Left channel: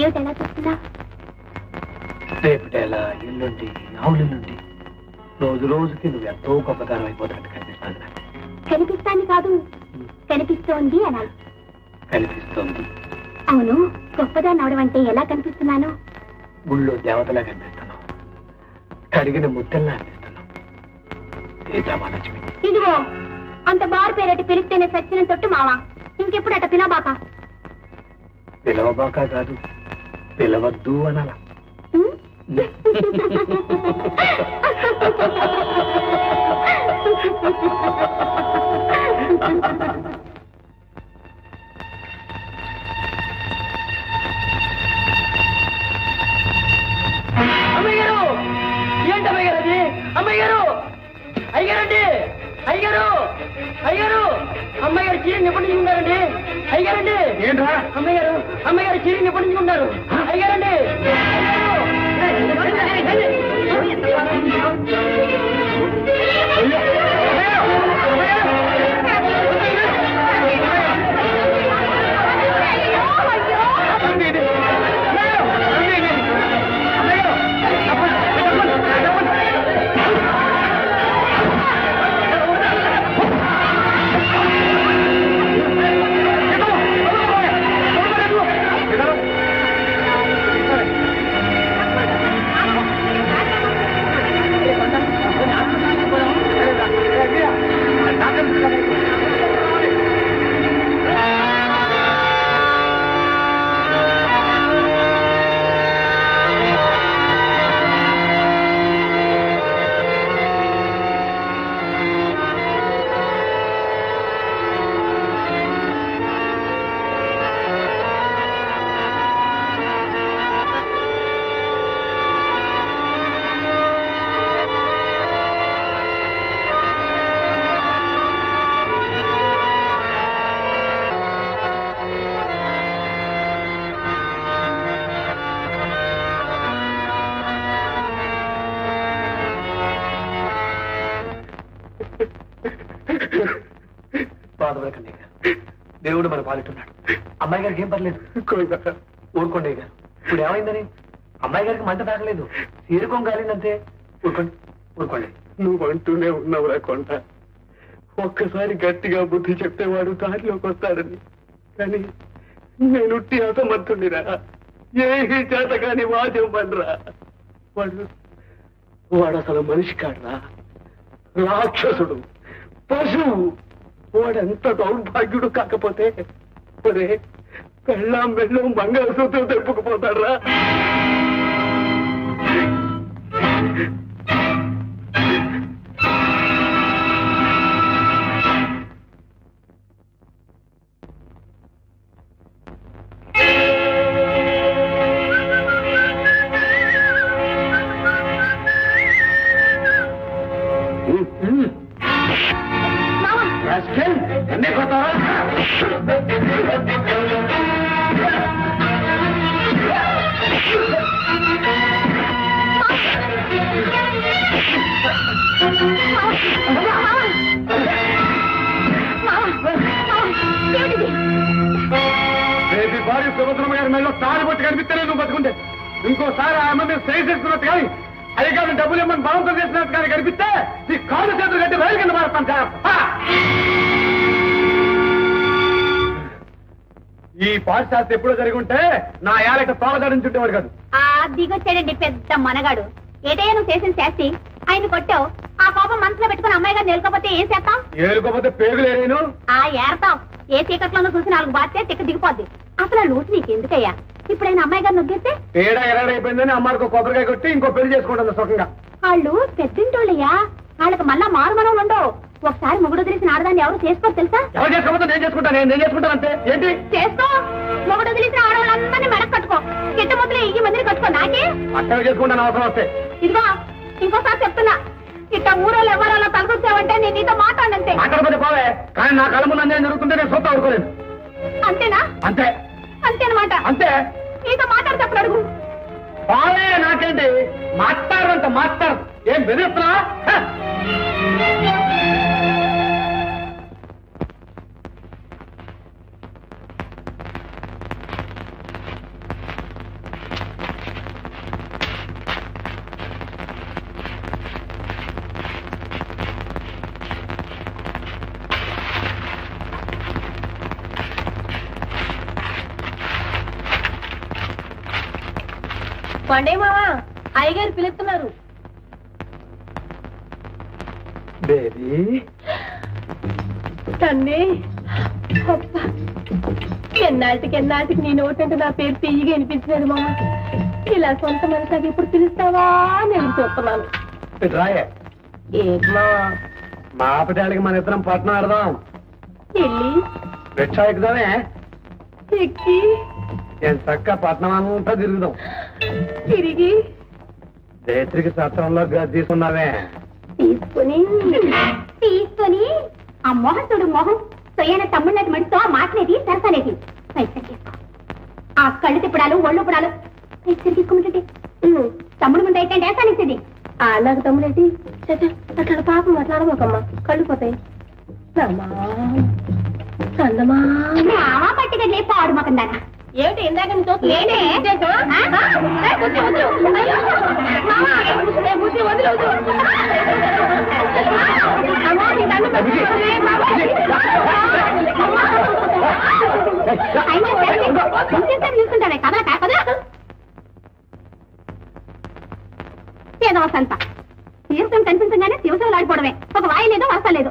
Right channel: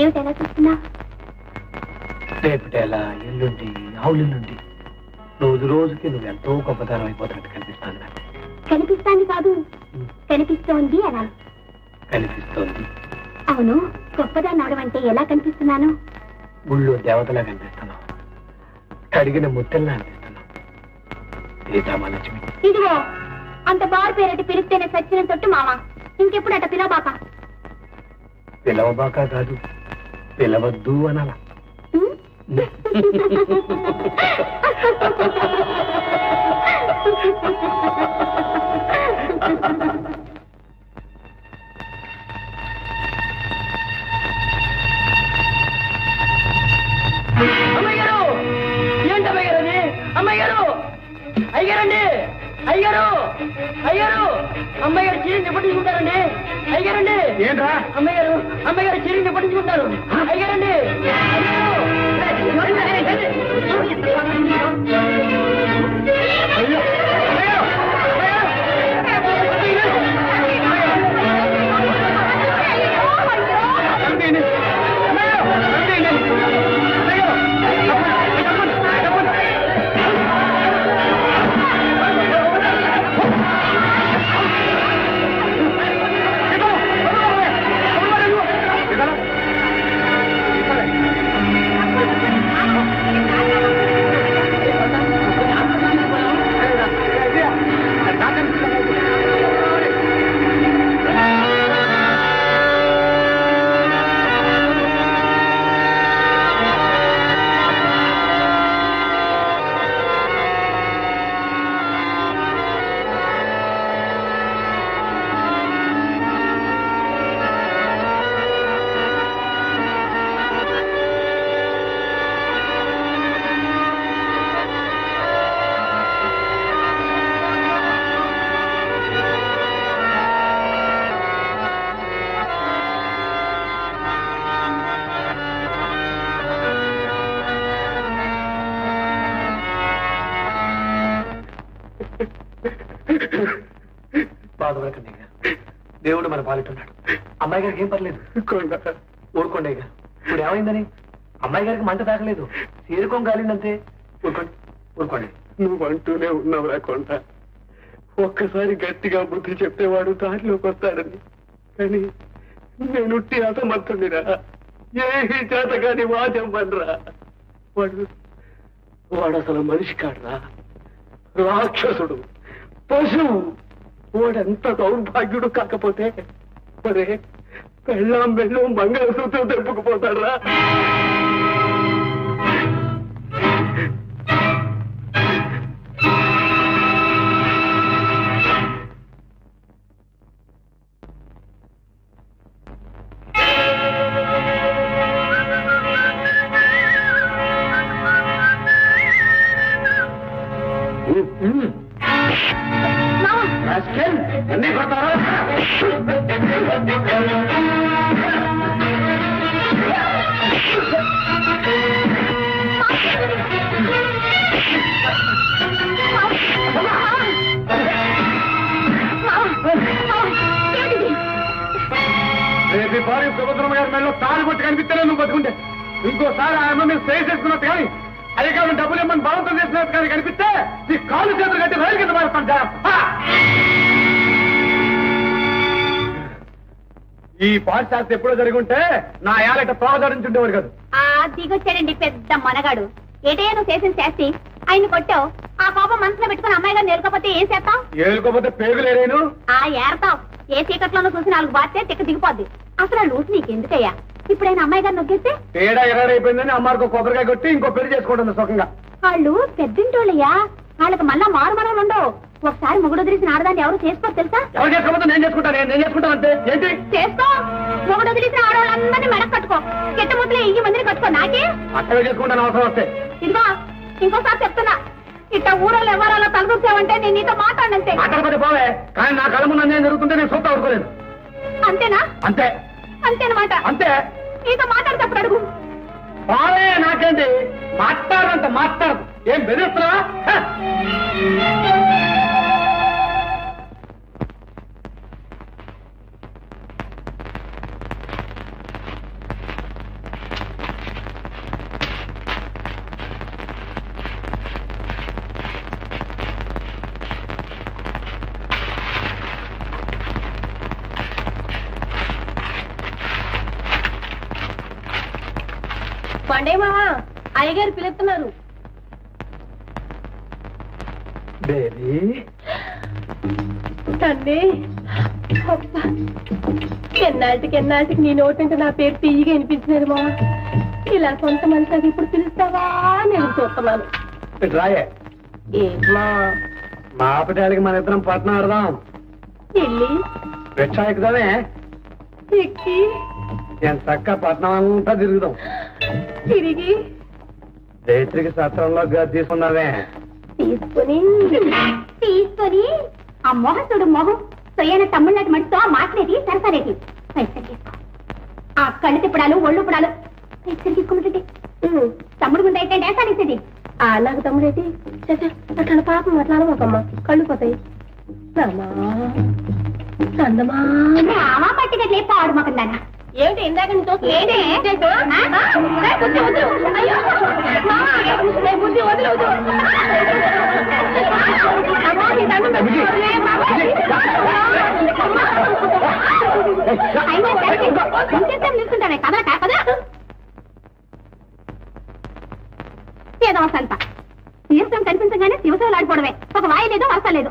ఏమిటి ఎలా చూస్తున్నా? రేపటేలా ఎల్లుండి ఆవులెల్లుండి రోజు రోజుకి నువ్వు ఎంతో గొప్పతనం అయిపోతున్నట్టు కనిపిస్తాను నాకు. కనిపిస్తాంది కాదు, కనిపిస్తోంది అనాలి. కనిపిస్తోంది. అవును, గొప్పదాన్ని అవడం అంటే ఎలా కనిపిస్తున్నాను? గుళ్ళో దేవతలా కనిపిస్తున్నావు, కడిగిన ముత్తెల్లా అనిపిస్తున్నావు. సీతామహాలక్ష్మి. ఇదిగో అంత బారు పేరటి పిలిస్తేనే సచ్చిన తొట్టు మావా. ఇంకెప్పుడు అట పిలవబాక. పిలవబాక కాదు, పిలవద్దు అనాలా. అమ్మాయి గారు, ఏంటి అమ్మాయి గారు అది? అమ్మాయి గారు, అయ్యారండి, అయ్యారు, అయ్యారు, అమ్మాయి గారు చీరని నిప్పటించుకుంటారండి. అయ్యారండి. ఏంట్రా? అమ్మాయి గారు చీరని నిప్పటించుకుంటారు. అయ్యారండి. బాధపడకండి గారు, దేవుడు మన పాలిట్టున్నాడు. అమ్మాయి గారికి ఏం పర్లేదు. ఊరుకోండి గారు. ఇప్పుడు ఏమైందని? అమ్మాయి గారికి మంట తాకలేదు, తీరుకోం కాలిందంతే. ఊరుకోండి, ఊరుకోండి. నువ్వు అంటూనే ఉన్నావురా కొండ. ఒక్కసారి గట్టిగా బుద్ధి చెప్తేవాడు దారిలోకి వస్తాడని. కానీ నేనుట్టి అసమర్థుడిరా. ఏమీ చేత కాని వాచెవ్వనరా. వాడు అసలు మనిషి కాడరా, రాక్షసుడు, పశువు. వాడెంత దౌర్భాగ్యుడు కాకపోతే ఒరే పెళ్ళాం బెళ్ళం మంగళసూత్రం తెప్పుకుపోతాడ్రా. ఎన్ని కొడతారా? రేపు భార్య సుభద్రమ్మ గారి మెడలో తాళి పట్టి కనిపిస్తేనే నువ్వు బతుకుంటే, ఇంకోసారి ఆ అమ్మ మీద స్టేజ్ చేసుకున్నట్టు కానీ, అది కాదు డబ్బులు ఇమ్మని బలవంతం చేసినట్టు కానీ కనిపిస్తే ఈ కాలు చేతులు కట్టి రైలు కింద మారుతాను. జాగ్రత్త. ఈ పాఠశాస్త్ర ఎప్పుడో జరిగి ఉంటే నా ఏలట తోగదాడించుండేవాడు కాదు. దిగొచ్చాడండి పెద్ద మనగాడు. ఏటయ్యా నువ్వు చేసిన శాస్తి? ఆయన కొట్టావు, ఆ కోపం మనసులో పెట్టుకుని అమ్మాయి గారిని ఏలుకోపోతే ఏం చేస్తావు? ఏలుకోపోతే పేగులేరేను. ఏరతావు. ఏ చీకట్లోనూ చూసి 4 బాధ్యత తిక్క దిగిపోద్ది. అసలు ఆ లూసు నీకెందుకయ్యా? ఇప్పుడైనా అమ్మాయి గారు నొగ్గేస్తే తేడా ఎరాడైపోయిందని అమ్మారికి కొబ్బరికాయ కొట్టి ఇంకో పెళ్లి చేసుకుంటుంది సుఖంగా. వాళ్ళు పెద్దింటోళ్ళయ్యా, వాళ్ళకి మళ్ళా మారు మనవులు ఉండవు. ఒకసారి మొగుడు వదిలేసిన ఆడదాన్ని ఎవరు చేసుకోరు తెలుసా? ఎవరు చేసుకోకపోతే నేను చేసుకుంటాను. నేను చేసుకుంటాను అంతే. ఏంటి చేసుకో? మొగుడు వదిలేసిన ఆడవాళ్ళందరినీ మెడకు కట్టుకో. కిట్ట ముద్దలు 1000 మందిని కట్టుకో. నాకే అట్టవే చేసుకుంటాను అవసరం వస్తే. ఇదిగో ఇంకోసారి చెప్తున్నా, ఇట్ట ఊరోళ్ళు ఎవరో తలదూర్చావంటే నేను నీతో మాట్లాడంతే. మాట్లాడకపోతే పోవే, కానీ నా కళ్ళ ముందు అన్యాయం జరుగుతుంటే నేను సొత్తా ఊరుకోలేను. అంతేనా? అంతే అంతేనమాట. అంతే. నీతో మాట్లాడినప్పుడు అడుగు. పోవే, నాకేంటి మాట్లాడరంట. మాట్లాడదు. ఏం బెదిరిస్తున్నావా? పండే మావా అయ్యగారు పిలుస్తున్నారు. బేబీ తన్నే ఎన్నాటికి నీ నోటంటే నా పేరు తీయగా వినిపించినది మావా. ఇలా సొంత మనిషికి ఇప్పుడు పిలుస్తావా అని ఎదురు చూస్తున్నాను. రాయే ఏంటి మావా? మా ఆపటాలకి మన ఇద్దరం పట్నం ఆడదాం. వెళ్ళి రిక్షా ఎక్కుదామే, ఎక్కి నేను చక్క పట్నం అంతా తిరుగుదాం. తిరిగి రేత్రికి సత్రంలో గది తీసుకున్నావే, తీసుకొని ఆ మొహం చూడు, మొహం సొయ్యన తమ్ముళ్ళకి మడితో మాటనేది సరసనేది ఆ కళ్ళు తిప్పడాలు ఒళ్ళు పుడాలు తీసుకోమంటే తమ్ముడు ముందు అయితే డేసానిచ్చేది. నాకు తమ్ముడేటి అట్లా పాపం అట్లా అనమాకమ్మా, కళ్ళు పోతాయి. మామా పట్టుకట్లే పాడు మాకందానా ఏమిటి ఇందాక బుద్ధి వదిలవుతూ నిల్చుంటానే కదల కాకదా ఏదో సంత తీర్థం కనిపించగానే శివశివలు ఆడిపోవడమే, ఒక వాయి లేదు వరస లేదు.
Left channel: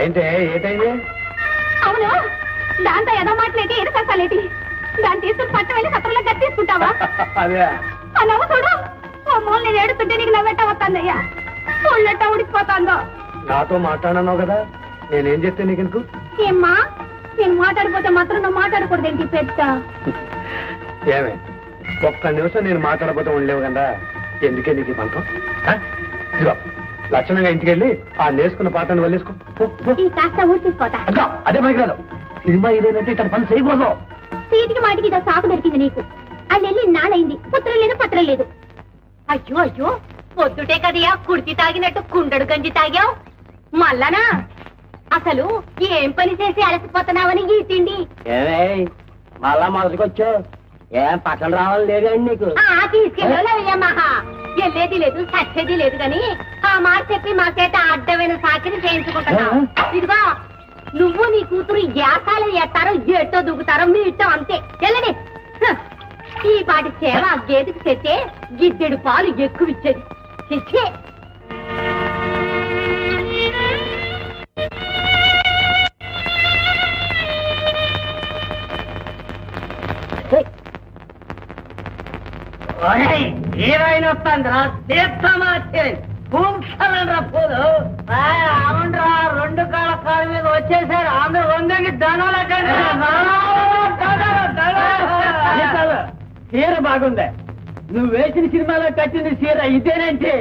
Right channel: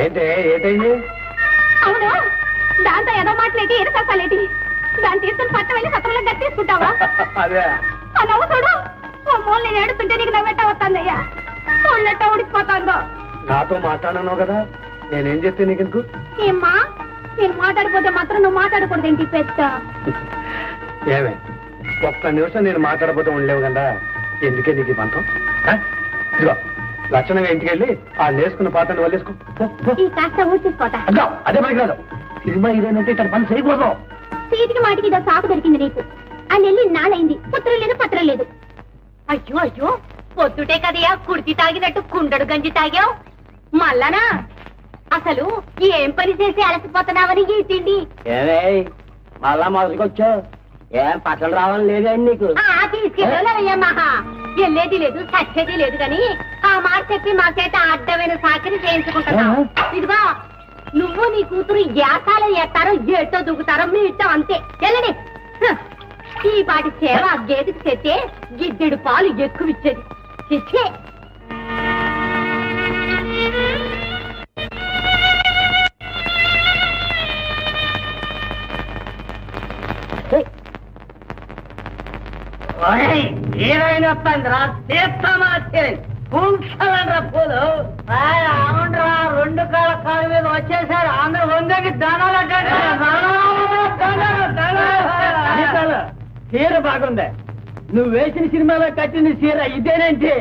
ఏంటైంది? అవును, దాంతో ఏదో మాటలేటి ఏదో కష్టాలేటి, దాన్ని తీసుకుని పట్ట వెళ్ళి సత్రంలో గట్టి తీసుకుంటావా? అదే ఆ నవ్వు చూడు, ఓ మూల నేను ఏడుతుంటే నీకు నవ్వెట్ట వస్తుందయ్యా, చూళ్ళెట్ట ఉడికిపోతాందో. నాతో మాట్లాడన్నావు కదా, నేనేం చెప్తే నీకు ఎందుకు? ఏమ్మా, నేను మాట్లాడిపోతే మాత్రం నువ్వు మాట్లాడకూడదేంటి పెద్ద? ఏమే, ఒక్క నిమిషం నేను మాట్లాడబోతే ఉండలేవు కదా, ఎందుకే నీకు ఈ పంతం? ఇదిగో లక్షణంగా ఇంటికి వెళ్ళి ఆ నేసుకున్న పాత్రను వల్లేసుకో. ఈ కాస్త ఊడ్చేసుకోతా. అదే మనకి రాదు, సినిమా ఇదేనంటే ఇతను పని చేయకూడదు. సీటికి మాటికి ఇదో సాకు దొరికింది నీకు. అని వెళ్ళి నాలైంది, పుత్రం లేదు పత్రం లేదు. అయ్యో అయ్యో, పొద్దుటే కదయా కుర్తి తాగినట్టు కుండడు గంజి తాగావు. మళ్ళనా అసలు ఏం పని చేసి అలసిపోతున్నావని ఈ తిండి ఏమే మళ్ళా మొదటికొచ్చావు? ఏం పట్టలు రావాలని లేదండి నీకు? తీసుకెళ్ళామహా, వెళ్ళేది లేదు సచ్చేది లేదు గాని ఆ మాట చెప్పి మా చేత అడ్డమైన సాకిని చేయించుకుంటున్నా. ఇదిగో నువ్వు నీ కూతురు యాసాలు ఎత్తారో ఏటో దూకుతారో మీ ఇష్టం, అంతే. వెళ్ళండి. ఈ పాటి సేవ గేదెకి తెచ్చే గిద్దెడు పాలు ఎక్కువిచ్చేది. చిచ్చే హీరోయిన్ వస్తాందిరా, పూల్చాలండ్రా పూలు. అవునరా, రెండు కాళ్ళ కాళ్ళ మీద వచ్చేసారు అందరూ. వందకి ధనాలు చీర బాగుంది. నువ్వు వేసిన సినిమాలో కట్టింది చీర ఇదేనంటే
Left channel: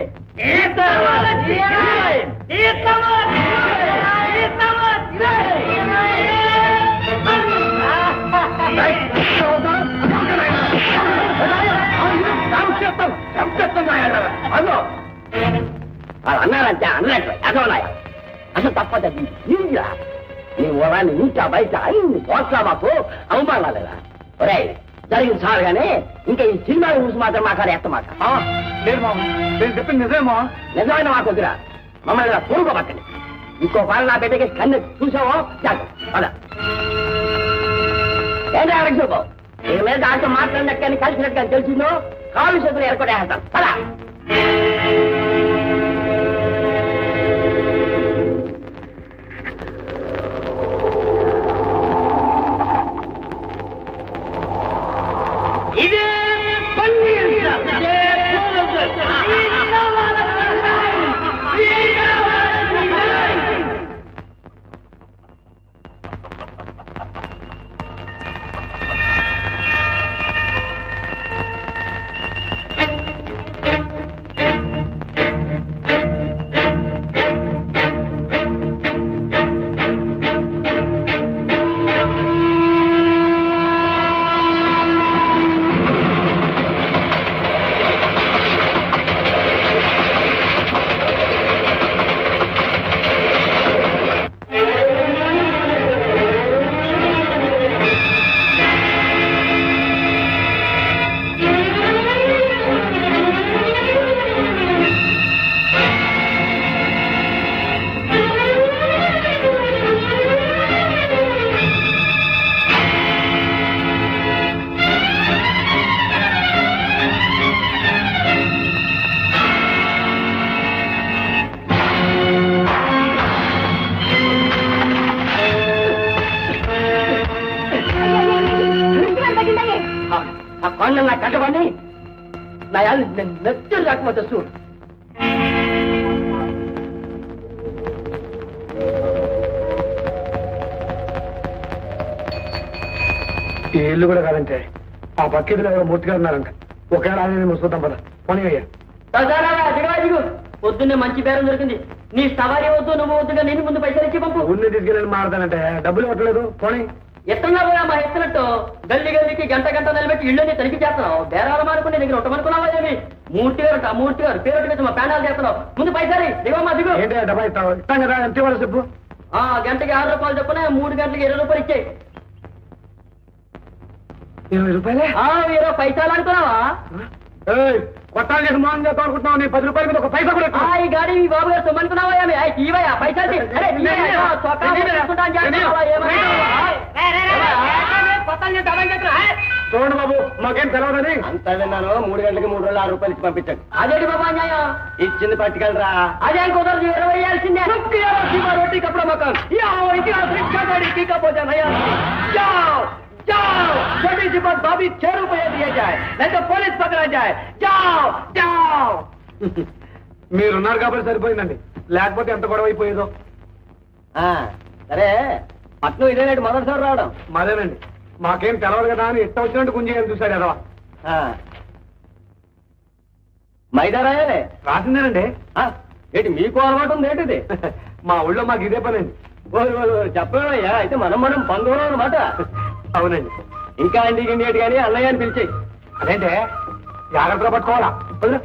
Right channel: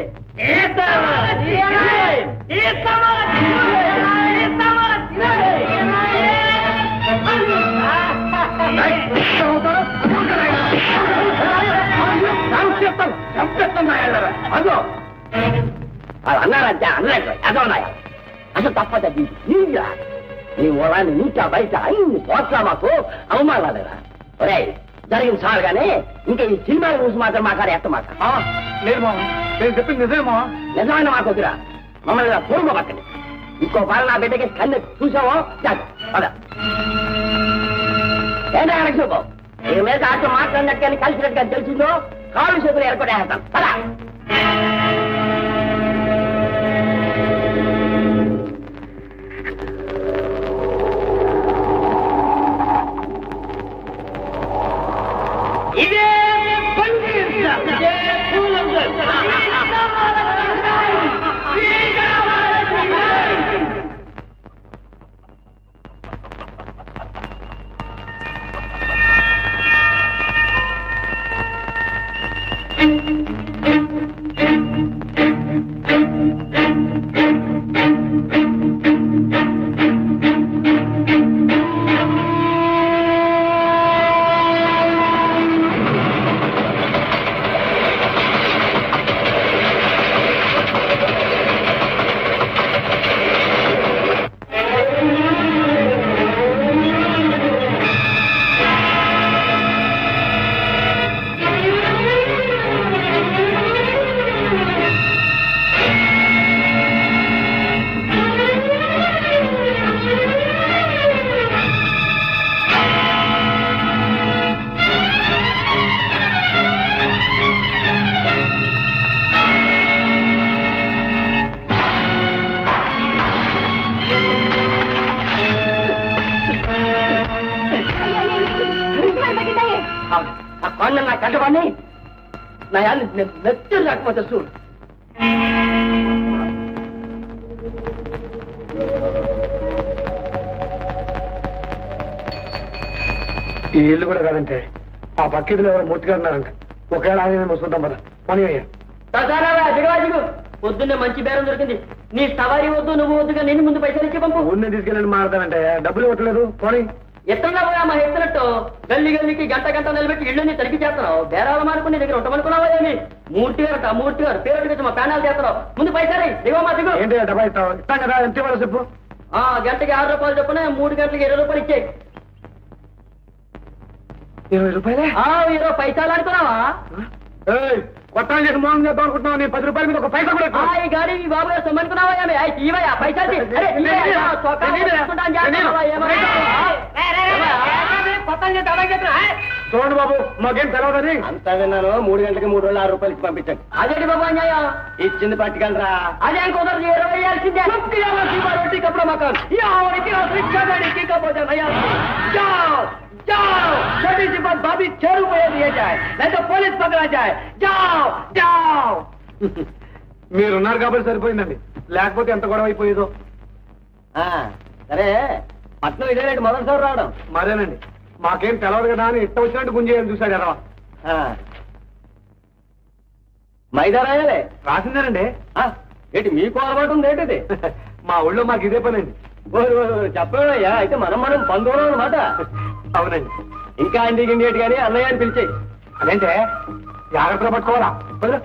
అదో వాళ్ళు అన్నారంటే అన్నట్టు అదోనాయా. అసలు తప్పదా నీరా? నీ మూలాన్ని నీకా బయట అన్ని చోట్ల మాకు అవమానాలేదా? ఒరే జరిగింది చాలు గానీ ఇంకా ఈ సినిమాల గురించి మాత్రం మాకాడ ఎత్తమాట. లేదు మామ, నేను చెప్పింది నిజమేమా? నిజమైన మాకు వద్దురా, మమ్మల్ని ఇలా పొరుగు పట్టండి. ఇంకో పాలు నా బిడ్డకి కన్ను చూసావో జాగ్రత్త. ఏంటి అడగ చూపు, నీ మీద ఆటో మాట్లాడినట్టు కానీ కలిసినట్టు కానీ తెలిసిందో కాళ్ళు చేతులు ఎరకొట్టేస్తాను. పదా ఇదే కొండ నా కట్టబడి నా నెత్తురు రాకపోతే చూడు. ఈ ఇల్లు కూడా కాదంటే ఆ పక్కిదిలో ఎవరో మూర్తిగా ఉన్నారంట. ఒకవేళ ఆయన చూద్దాం పద. పని అయ్యా దిగు. పొద్దున్నే మంచి బేరం దొరికింది. నీ సవారీ వద్దు, నువ్వు వద్దుగా నేను ముందు పైసలు ఇచ్చి పంపు. ఊరిని తీసుకెళ్ళండి మాడతానంటే డబ్బులు ఇవ్వట్లేదు. పోనీ ఎత్తన్నా పోయా మా ఎత్తునట్టు గల్లి గల్లికి గంట గంట నిలబెట్టి ఇళ్ళని తనిఖీ చేస్తున్నావు. బేరాల మానుకుని దగ్గర ఉంటామనుకున్నావా ఏమి? మూర్తి గారు మూర్తి గారు పేరు వచ్చి మా ప్యానాలు చేస్తున్నావు. ముందు పైసలు దిగమ్మా దిగు. ఏంటి డబ్బా ఇస్తావు? ఇస్తాం కదా, ఎంత ఇవ్వాలి చెప్పు. గంటకి 6 రూపాయలు చొప్పున 3 గంటలకి 20 రూపాయలు ఇచ్చాయి. 20 రూపాయలే? 20 పైసలు అనుకున్నావా? కొట్టాలు చేసి మోహన్ చేద్దాం అనుకుంటున్నావు. నేను 10 రూపాయల మీద ఒక పైసా కూడా ఈ గాడి ఈ బాబు గారు సొమ్మనుకున్నావా ఏమి? తీవయా పైసలు చూడండి బాబు, మాకేం తెలవదని. అంతా విన్నాను. 3 గంటలకి 3 రోజులు 6 రూపాయలు ఇచ్చి పంపించాడు. అదేంటి బాబు అన్యాయం? ఇచ్చింది పట్టుకెళ్ళరా. అదే కుదరదు. 20 వేయాల్సిందే. रोटी कपड़ा मकान इतिहास रिक्शा गाड़ी की का भोजन है। जाओ जाओ, छोटी सी बात भाभी 6 रुपये दिए जाए, नहीं तो पुलिस पकड़ा जाए. जाओ जाओ. మీరున్నారు కాబట్టి సరిపోయిందండి, లేకపోతే ఎంత గొడవ అయిపోయేదో. సరే, పట్నం ఇదేనండి మొదటిసారి రావడం. మరేనండి, మాకేం తెలవదు కదా అని ఇష్టం వచ్చినట్టు గుంజేయాలని చూశాడు ఎదవా. మైదా రాయాలే రాసిందేనండి. ఏంటి మీకు అలవాటు ఉంది ఏంటిది? మా ఊళ్ళో మాకు ఇదే పనండి. చెప్పయ్యా, అయితే మనం బంధువులు అనమాట. అవునండి. ఇంకా అండి గిండి కానీ అన్నయ్య అని పిలిచేయి. అదేంటే జాగ్రత్తగా పట్టుకోవాలా? వదిలే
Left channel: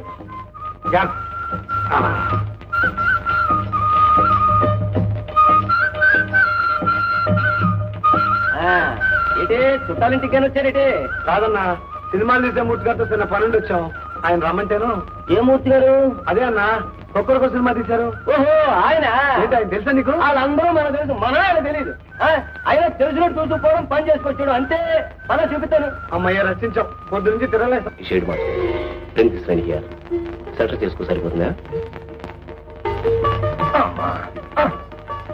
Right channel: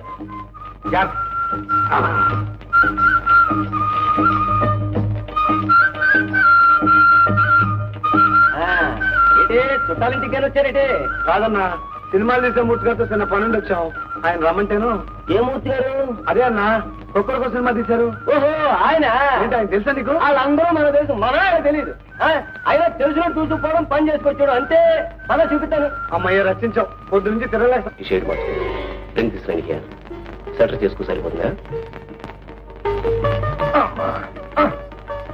ఏంటి చుట్టాలింటికి కానీ వచ్చారేటి? కాదన్నా, సినిమాలు తీసే మూర్తి గారితో చిన్న పనుండి వచ్చాం. ఆయన రమ్మంటేను. ఏ మూర్తి గారు? అదే అన్నా, ఒక్కొక్క సినిమా తీశారు. ఓహో, ఆయన ఏంటి, ఆయన తెలుసా నీకు? వాళ్ళందరూ మనకు తెలుసు, మన ఆయన తెలియదు. ఆయన తెలిసినట్టు చూసుకోవడం, పని చేసుకొచ్చాడు అంతే. పని చూపిస్తాను. అమ్మయ్య, రచించాం. పొద్దు నుంచి తిరగలేదు. ఈ షేడ్ మార్చుకోండి. సెటర్ చేసుకో, సరిపోతుందా?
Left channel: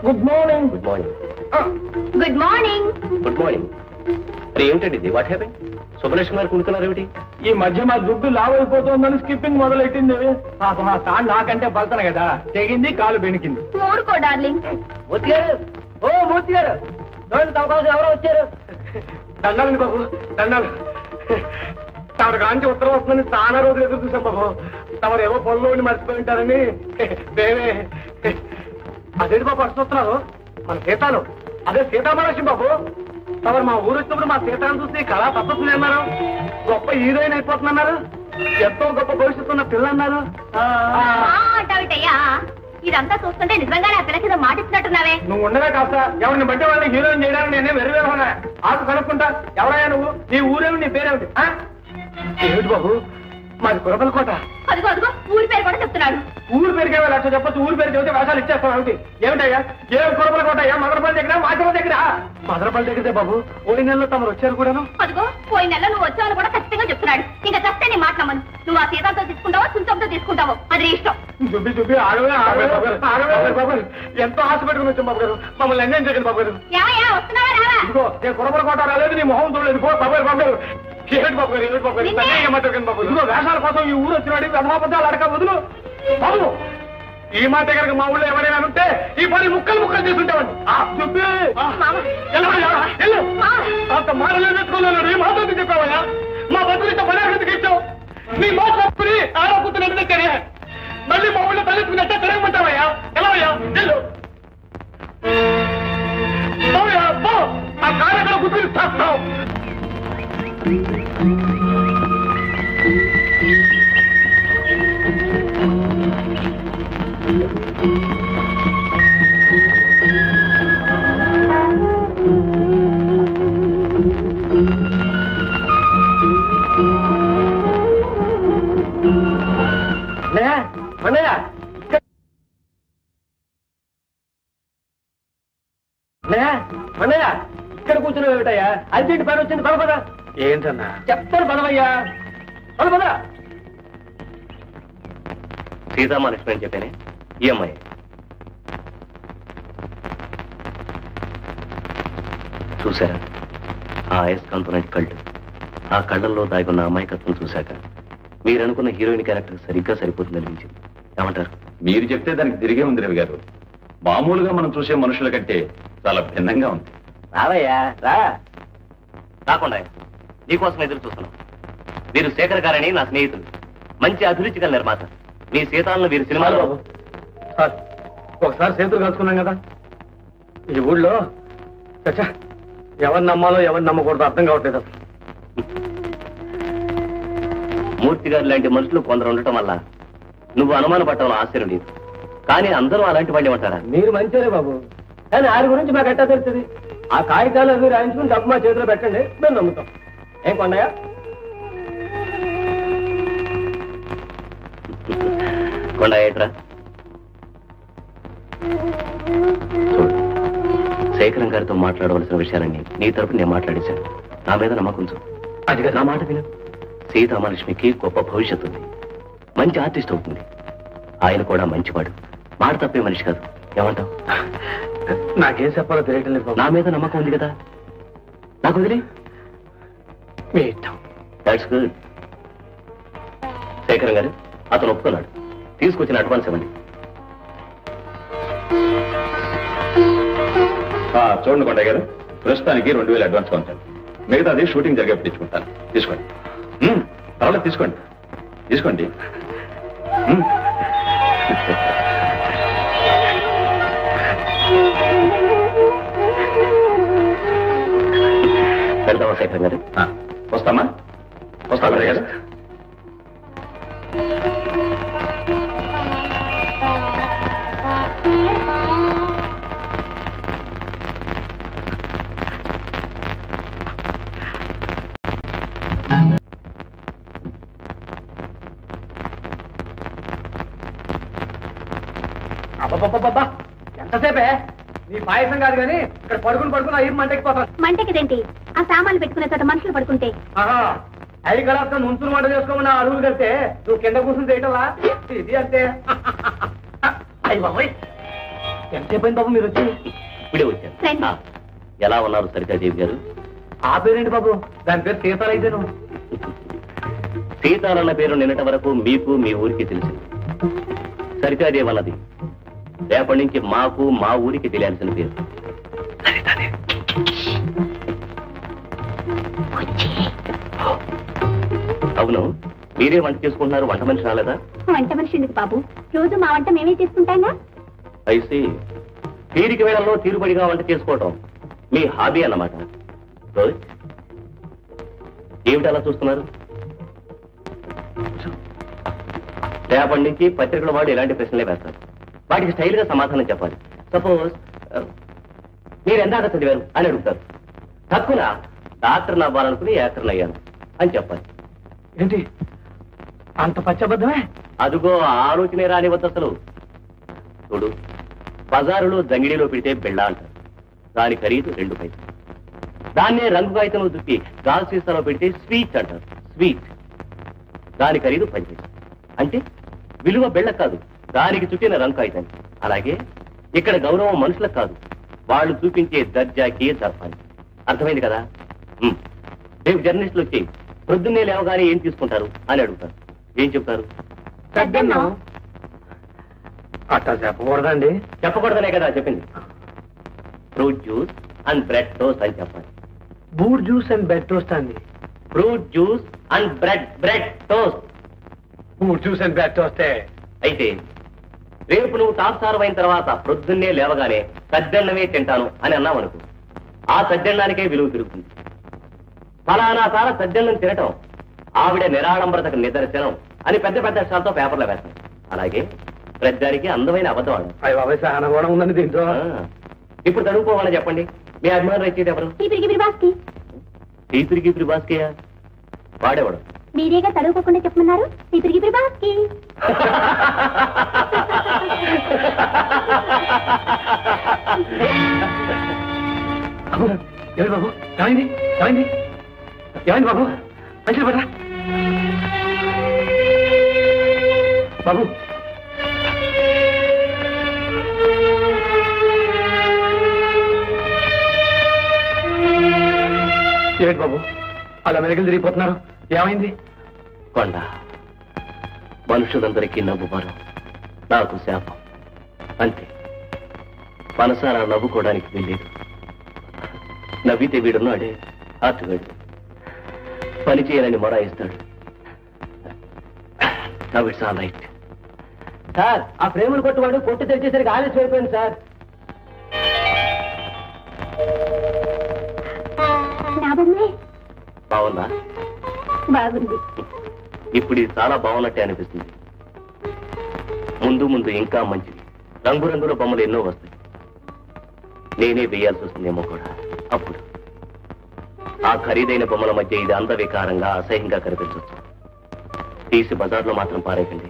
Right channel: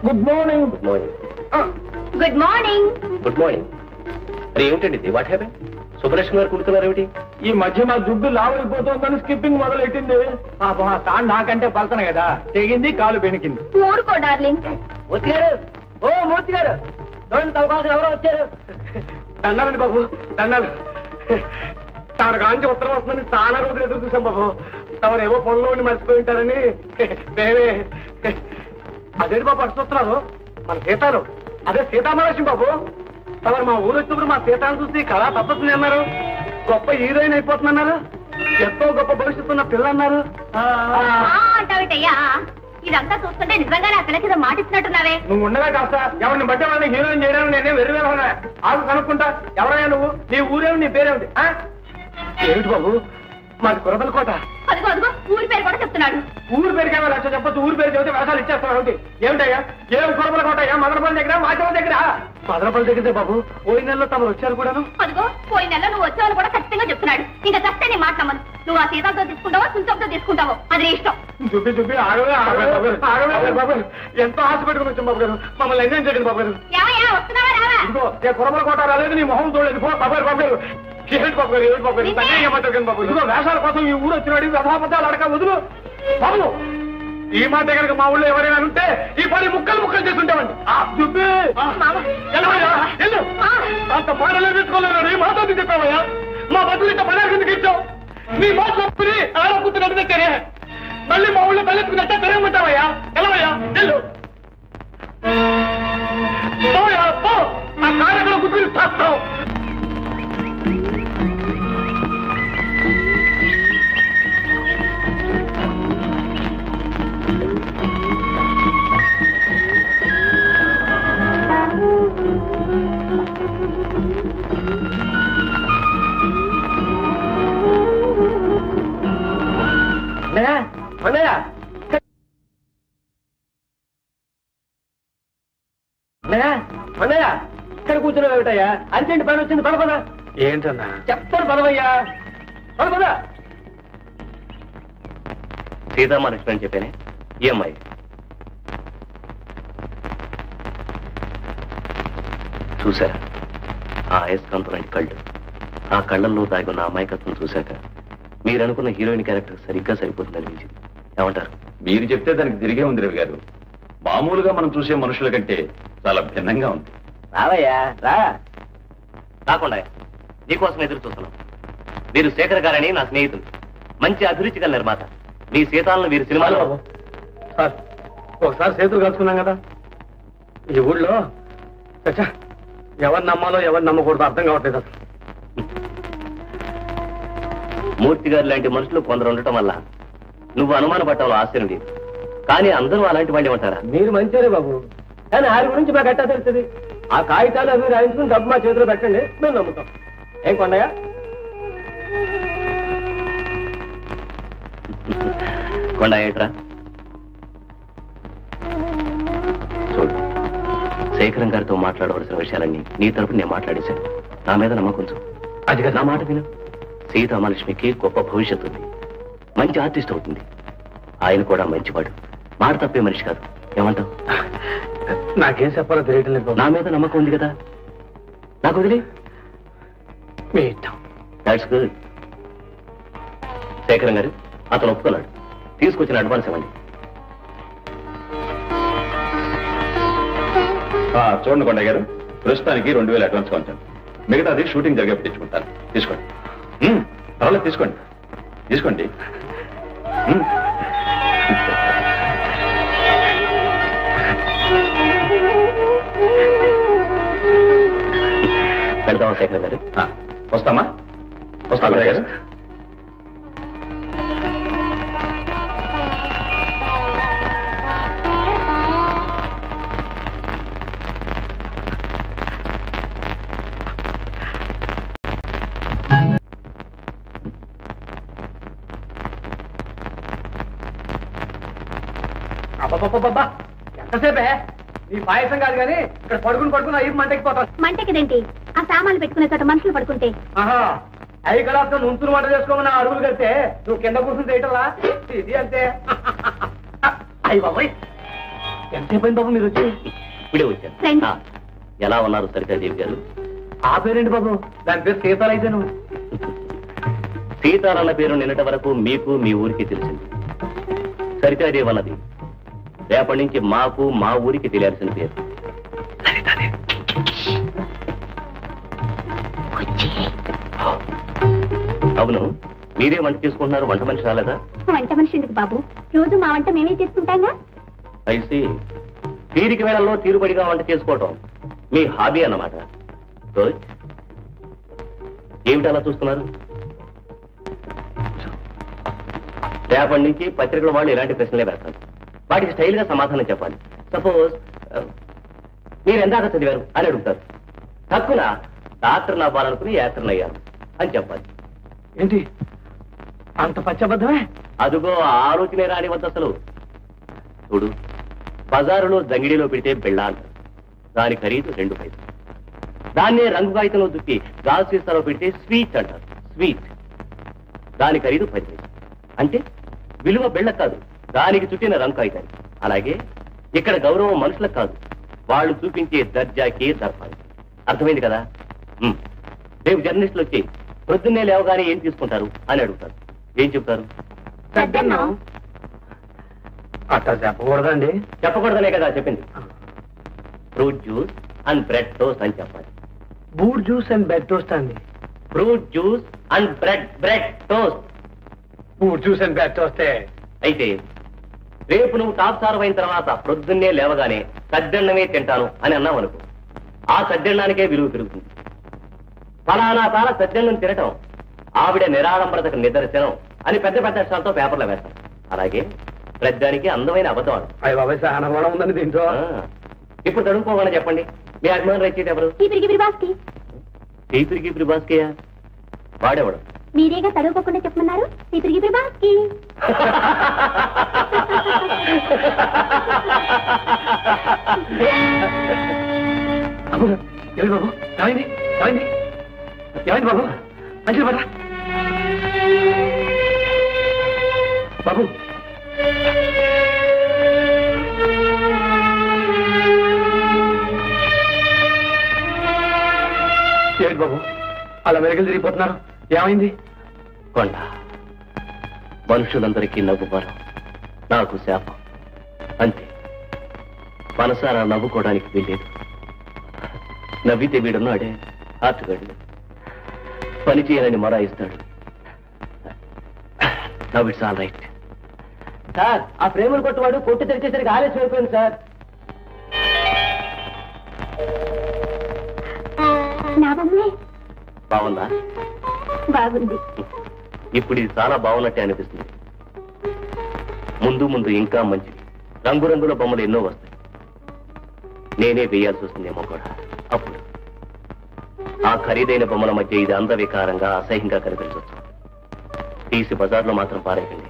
Good morning. Good morning. Good morning. Good morning. అరే ఏమిటండి ఇది? What happen? సుబ్బలక్ష్మి గారు కుడుతున్నారు ఏమిటి? ఈ మధ్య మా దుడ్డు లావ్ అయిపోతుందని స్కిప్పింగ్ మొదలెట్టింది. పాపం ఆ తాను నాకంటే పలతన కదా, తెగింది, కాలు బెణికింది. ఊరుకో డార్లింగ్. మూర్తి గారు, ఓ మూర్తి గారు, చూడండి తమ కోసం ఎవరో వచ్చారు. దండాలండి బాబు, దండాలు. తమరు కాంచి ఉత్తరం వస్తుందని చాలా రోజులు ఎదురు చూసాం బాబు. తమరు ఏవో పనులు ఉండి మర్చిపోయి ఉంటారని. మేమే అదేంటి బాబు అడుస్తున్నారు? మన సీతాలు, అదే సీతామహాలక్ష్మి బాబు. తమరు మా ఊరు వచ్చినప్పుడు మా సీతాను చూసి కళా తప్పస్తుంది అన్నారు. గొప్ప హీరోయిన్ అయిపోతుందన్నారు. ఎంతో గొప్ప భవిష్యత్తు ఉన్న పిల్ల అన్నారు. అంటావిటయ్యా, ఇదంతా చూస్తుంటే నిజంగా నా పిల్లకి ఏదో మాట ఇచ్చినట్టున్నావే. నువ్వు ఉండగా కాస్త ఎవరిని బట్టే వాళ్ళని హీరోయిన్ చేయడానికి నేనే వెర్రివేలా ఆకు కనుక్కుంటా. ఎవరయ్యా నువ్వు? నీ ఊరేమి, నీ పేరేమిటి? ఏమిటి బాబు, మాది కురబలకోట. అదిగో అదిగో, ఊరి పేరు కూడా చెప్తున్నాడు. ఊరి పేరుకే లక్ష చెప్పొచ్చు, ఊరి పేరు చెబితే వేషాలు ఇచ్చేస్తాం ఏమిటి? ఏమిటయ్యా, ఏం కురబలకోట అయ్యా? మదనపల్లి దగ్గర, మాచల దగ్గర? మదనపల్లి దగ్గరే బాబు. పోయిన నెలలో తమరు వచ్చారు కూడాను. అదిగో, పోయిన నెలలో నువ్వు వచ్చావని కూడా ఖచ్చితంగా చెప్తున్నాడు. ఇంకా చస్తే నీ మాట నమ్మను. నువ్వు ఆ సీతాలతో తీసుకుంటావో చుంచంతో తీసుకుంటావో అది నీ ఇష్టం. దుబ్బి దుబ్బి ఆగవే ఆగవే బాబు. ఎంతో ఆశ పెట్టుకుని వచ్చాం బాబు గారు, మమ్మల్ని ఎంజాయ్ చేయకండి బాబు గారు. ఏమయ్యా, వస్తున్నావా రావా? ఇదిగో, నేను కురబలకోట రాలేదు, నీ మొహం చూడలేదు. పో బాబు గారు, బాబు గారు. ఏమిటి బాబు గారు, ఏమిటి బాబు గారు? తగ్గ మాట్లాడకండి బాబు. ఇదిగో, వేషాల కోసం ఈ ఊరు వచ్చినాడు, వ్యధాపద్దాలు అడక వదులు బాబు. ఈ మాట కనుక మా ఊళ్ళో ఎవరైనా ఉంటే ఈ పని ముక్కలు ముక్కలు చేస్తుంటామండి. అంత మాటలు పెట్టుకోలేడు. ఈ మాట చెప్పావయ్యా? మా బతులు ఇంత పని ఎందుకు ఇచ్చావు? నీ మాట తప్పుని ఆడకుతున్నట్టు తెరే, మళ్ళీ మా ఊళ్ళో తలెత్తుకున్నట్టే తిరగమంటావయ్యా? ఎలావయ్యా? వెళ్ళు పో, ఆ కార్యక్రమం గుర్తుని చేస్తావు. అన్నయ్య, ఇక్కడ కూర్చున్నావు ఏమిటయ్యా? అర్జెంట్ పని వచ్చింది, పద. ఏంటన్నా? చెప్తాను, పదవయ్యా, పద. సీతామహాలక్ష్మి అని చెప్పానే, ఈ అమ్మాయి. చూసారా ఆ అయస్కాంతం లాంటి కళ్ళు? ఆ కళ్ళల్లో దాగున్న అమాయకత్వం చూశాక మీరనుకున్న హీరోయిన్ క్యారెక్టర్ సరిగ్గా సరిపోతుంది అనిపించింది. ఏమంటారు? మీరు చెప్తే దానికి తిరిగే ఉంది రవి గారు. మామూలుగా మనం చూసే మనుషుల కంటే చాలా భిన్నంగా ఉంది. రావయ్యా రా. రాకుండా నీకోసం ఎదురు చూస్తున్నాం. వీరు శేఖర్ గారని నా స్నేహితులు, మంచి అభిరుచి గల నిర్మాత. మీ సీతాలను వీరు సినిమాలో. సార్ ఒకసారి చేతులు కలుసుకున్నాం కదా, ఈ ఊళ్ళో చచ్చా ఎవరిని నమ్మాలో ఎవరిని నమ్మకూడదు అర్థం కావట్లేదు అసలు. మూర్తి గారు లాంటి మనుషులు కొందరు ఉండటం వల్ల నువ్వు అనుమాన పట్టడంలో ఆశ్చర్యం లేదు. కానీ అందరూ అలాంటి వాళ్ళు ఏమంటారా? మీరు మంచిరే బాబు, కానీ ఆయన గురించి మాకు ఎట్టా తెలుస్తుంది? ఆ కాగితాలు అవి రాయించుకుని డబ్బు మా చేతిలో పెట్టండి, మేము నమ్ముతాం. ఏం కొండయ్య? కొండ ఏట్రా చూడు, శేఖరం గారితో మాట్లాడవలసిన విషయాలన్నీ నీ తరపున నేను మాట్లాడేశాను. నా మీద నమ్మకం ఉంచు. అది నా మాట విను. సీతామహాలక్ష్మికి గొప్ప భవిష్యత్తు ఉంది, మంచి ఆర్టిస్ట్ అవుతుంది. ఆయన కూడా మంచివాడు, మాట తప్పే మనిషి కాదు. ఏమంటావు? నాకేం చెప్పాలో తెలియటం లేదు. నా మీద నమ్మకం ఉంది కదా, నాకు వదిలే. మీ ఇష్టం. That's good. శేఖరం గారు అతను ఒప్పుకున్నాడు, తీసుకొచ్చిన అడ్వాన్స్ ఇవ్వండి. చూడండి కొండయ్య గారు, ప్రస్తుతానికి 2000 అడ్వాన్స్ ఉంచాను. మిగతాది షూటింగ్ జరిగే తెచ్చుకుంటాను. తీసుకోండి. పర్వాలేదు, తీసుకోండి తీసుకోండి. వెళ్దామా శేఖరం గారు? వస్తామా? వస్తా కొండయ్య గారు. అబ్బబ్బబ్బబ్బా, ఎంతసేపే? నీ పాయసం కాదు కానీ ఇక్కడ పడుకుని అయ్యి మంటకిపోతాను. మంటకిదేంటి? ఆ సామాన్లు పెట్టుకునే చోట మనుషులు పడుకుంటే. ఆహా, అవి కలాప్తం ముంచులు వంట చేసుకోమని అడుగులు కడితే నువ్వు కింద కూర్చుని చేయటంలా ఇది అంతే. అయ్యి బాబోయ్, ఎంతసేపు అయింది బాబు మీరు వచ్చి? ఇప్పుడే వచ్చాను. ఎలా ఉన్నారు సరితాదేవి గారు? ఆ పేరేంటి బాబు? దాని పేరు సీతాలు అయితేను. సీతాలన్న పేరు నిన్నటి వరకు మీకు మీ ఊరికి తెలిసింది. సరితాదేవి అన్నది రేపటి నుంచి మాకు మా ఊరికి తెలియాల్సిన పేరు. అవును, మీరే వంట చేసుకుంటున్నారు, వంట మనిషి రాలేదా? వంట మనిషి ఎందుకు బాబు, రోజు మా వంట మేమే చేసుకుంటాంగా. అయితే తీరిక వేళల్లో తీరుబడిగా వంట చేసుకోవటం మీ హాబీ అన్నమాట. గుడ్. ఏమిటి అలా చూస్తున్నారు? రేపటి నుంచి పత్రికల వాళ్ళు ఇలాంటి ప్రశ్నలే వేస్తారు. వాటికి స్టైల్గా సమాధానం చెప్పాలి. సపోజ్ మీరు ఎందాక చదివారు అని అడుగుతారు. తక్కువ డాక్టర్ని అవ్వాలనుకుని యాక్టర్ని అయ్యాను అని చెప్పాలి. ఏంటి అంత పచ్చబద్ధమే? అదుగో ఆలోచనే రాని వద్ద అసలు. చూడు, బజారులో జంగిడిలో పెడితే బిళ్ళ అంటారు, దాని ఖరీదు 2 పైసలు. దాన్నే రంగు కాగితంలో దుప్పి గాజు సీసాలో పెడితే స్వీట్ అంటారు, స్వీట్. దాని ఖరీదు 10 పైసలు. అంటే విలువ బిళ్ళకు కాదు, దానికి చుట్టిన రంగు కాగితాన్ని. అలాగే ఇక్కడ గౌరవం మనుషులకు కాదు, వాళ్ళు చూపించే దర్జాకి దర్పానికి. అర్థమైంది కదా? రేపు జర్నలిస్టులు వచ్చి ప్రొద్దున్నే లేవగానే ఏం తీసుకుంటారు అని అడుగుతారు. ఏం చెప్తారు? అట్టా చెప్పకూడదండి. చెప్పకూడదనే కదా చెప్పింది. Fruit juice and bread toast అని చెప్పాలి. Boot juice and bread toast అండి. Fruit juice and bread toast. Boot juice and bread టోస్టే. అయితే రేపు నువ్వు టాప్ సార్ అయిన తర్వాత ప్రొద్దున్నే లేవగానే సద్దన్నమే తింటాను అని అన్నావు అనుకో, ఆ సద్దన్నానికే విలువ పెరుగుతుంది. ఫలానా తార సద్దన్నం తినటం ఆవిడ నిరాడంబరతకు నిదర్శనం అని పెద్ద పెద్ద అక్షరాలతో పేపర్లో వేస్తాం. అలాగే ప్రజానికి అందమైన అబద్ధం ఆడు. అయ్య బాబాయ్, సహనం కూడా ఉందండి దీంట్లో. ఇప్పుడు తడుపుకోవాలని చెప్పండి, మీ అభిమానం రచయిత ఎవరు? టీపిరికి బాస్కియా? వాడేవాడు? మీరేగా తడువుకోకుండా చెప్పమన్నారు. టీపిరికి బాస్కి. ఏమైంది బాబు? ఏమైంది ఏమైంది ఏమైంది బాబు? మంచిది పడరా బాబు. ఏంటి బాబు అలా మెరుగులు తిరిగిపోతున్నారు, ఏమైంది? కొండ మనుషులందరికీ నవ్వుబారు, నాకు శాపం అంతే. మనసారా నవ్వుకోవడానికి వీల్లేదు. నవ్వితే వీడున్నాడే ఆర్టుగాడు, పని చేయాలని మొరాయిస్తాడు. Now it's all right. Sir, ఆ ప్రేమను కొట్టువాడు కొట్టు తెరిచేసరికి ఆలస్యం అయిపోయింది సార్. నా బొమ్మే బాగుందా? బాగుంది. ఇప్పుడు ఇది చాలా బాగున్నట్టే అనిపిస్తుంది. ముందు ముందు ఇంకా మంచిది. రంగురంగుల బొమ్మలు ఎన్నో వస్తాయి. నేనే వేయాల్సి వస్తుందేమో కూడా. అప్పుడు ఆ ఖరీదైన బొమ్మల మధ్య ఇది అందవికారంగా అసహ్యంగా కనిపించవచ్చు. తీసి బజార్లో మాత్రం పారేయకండి.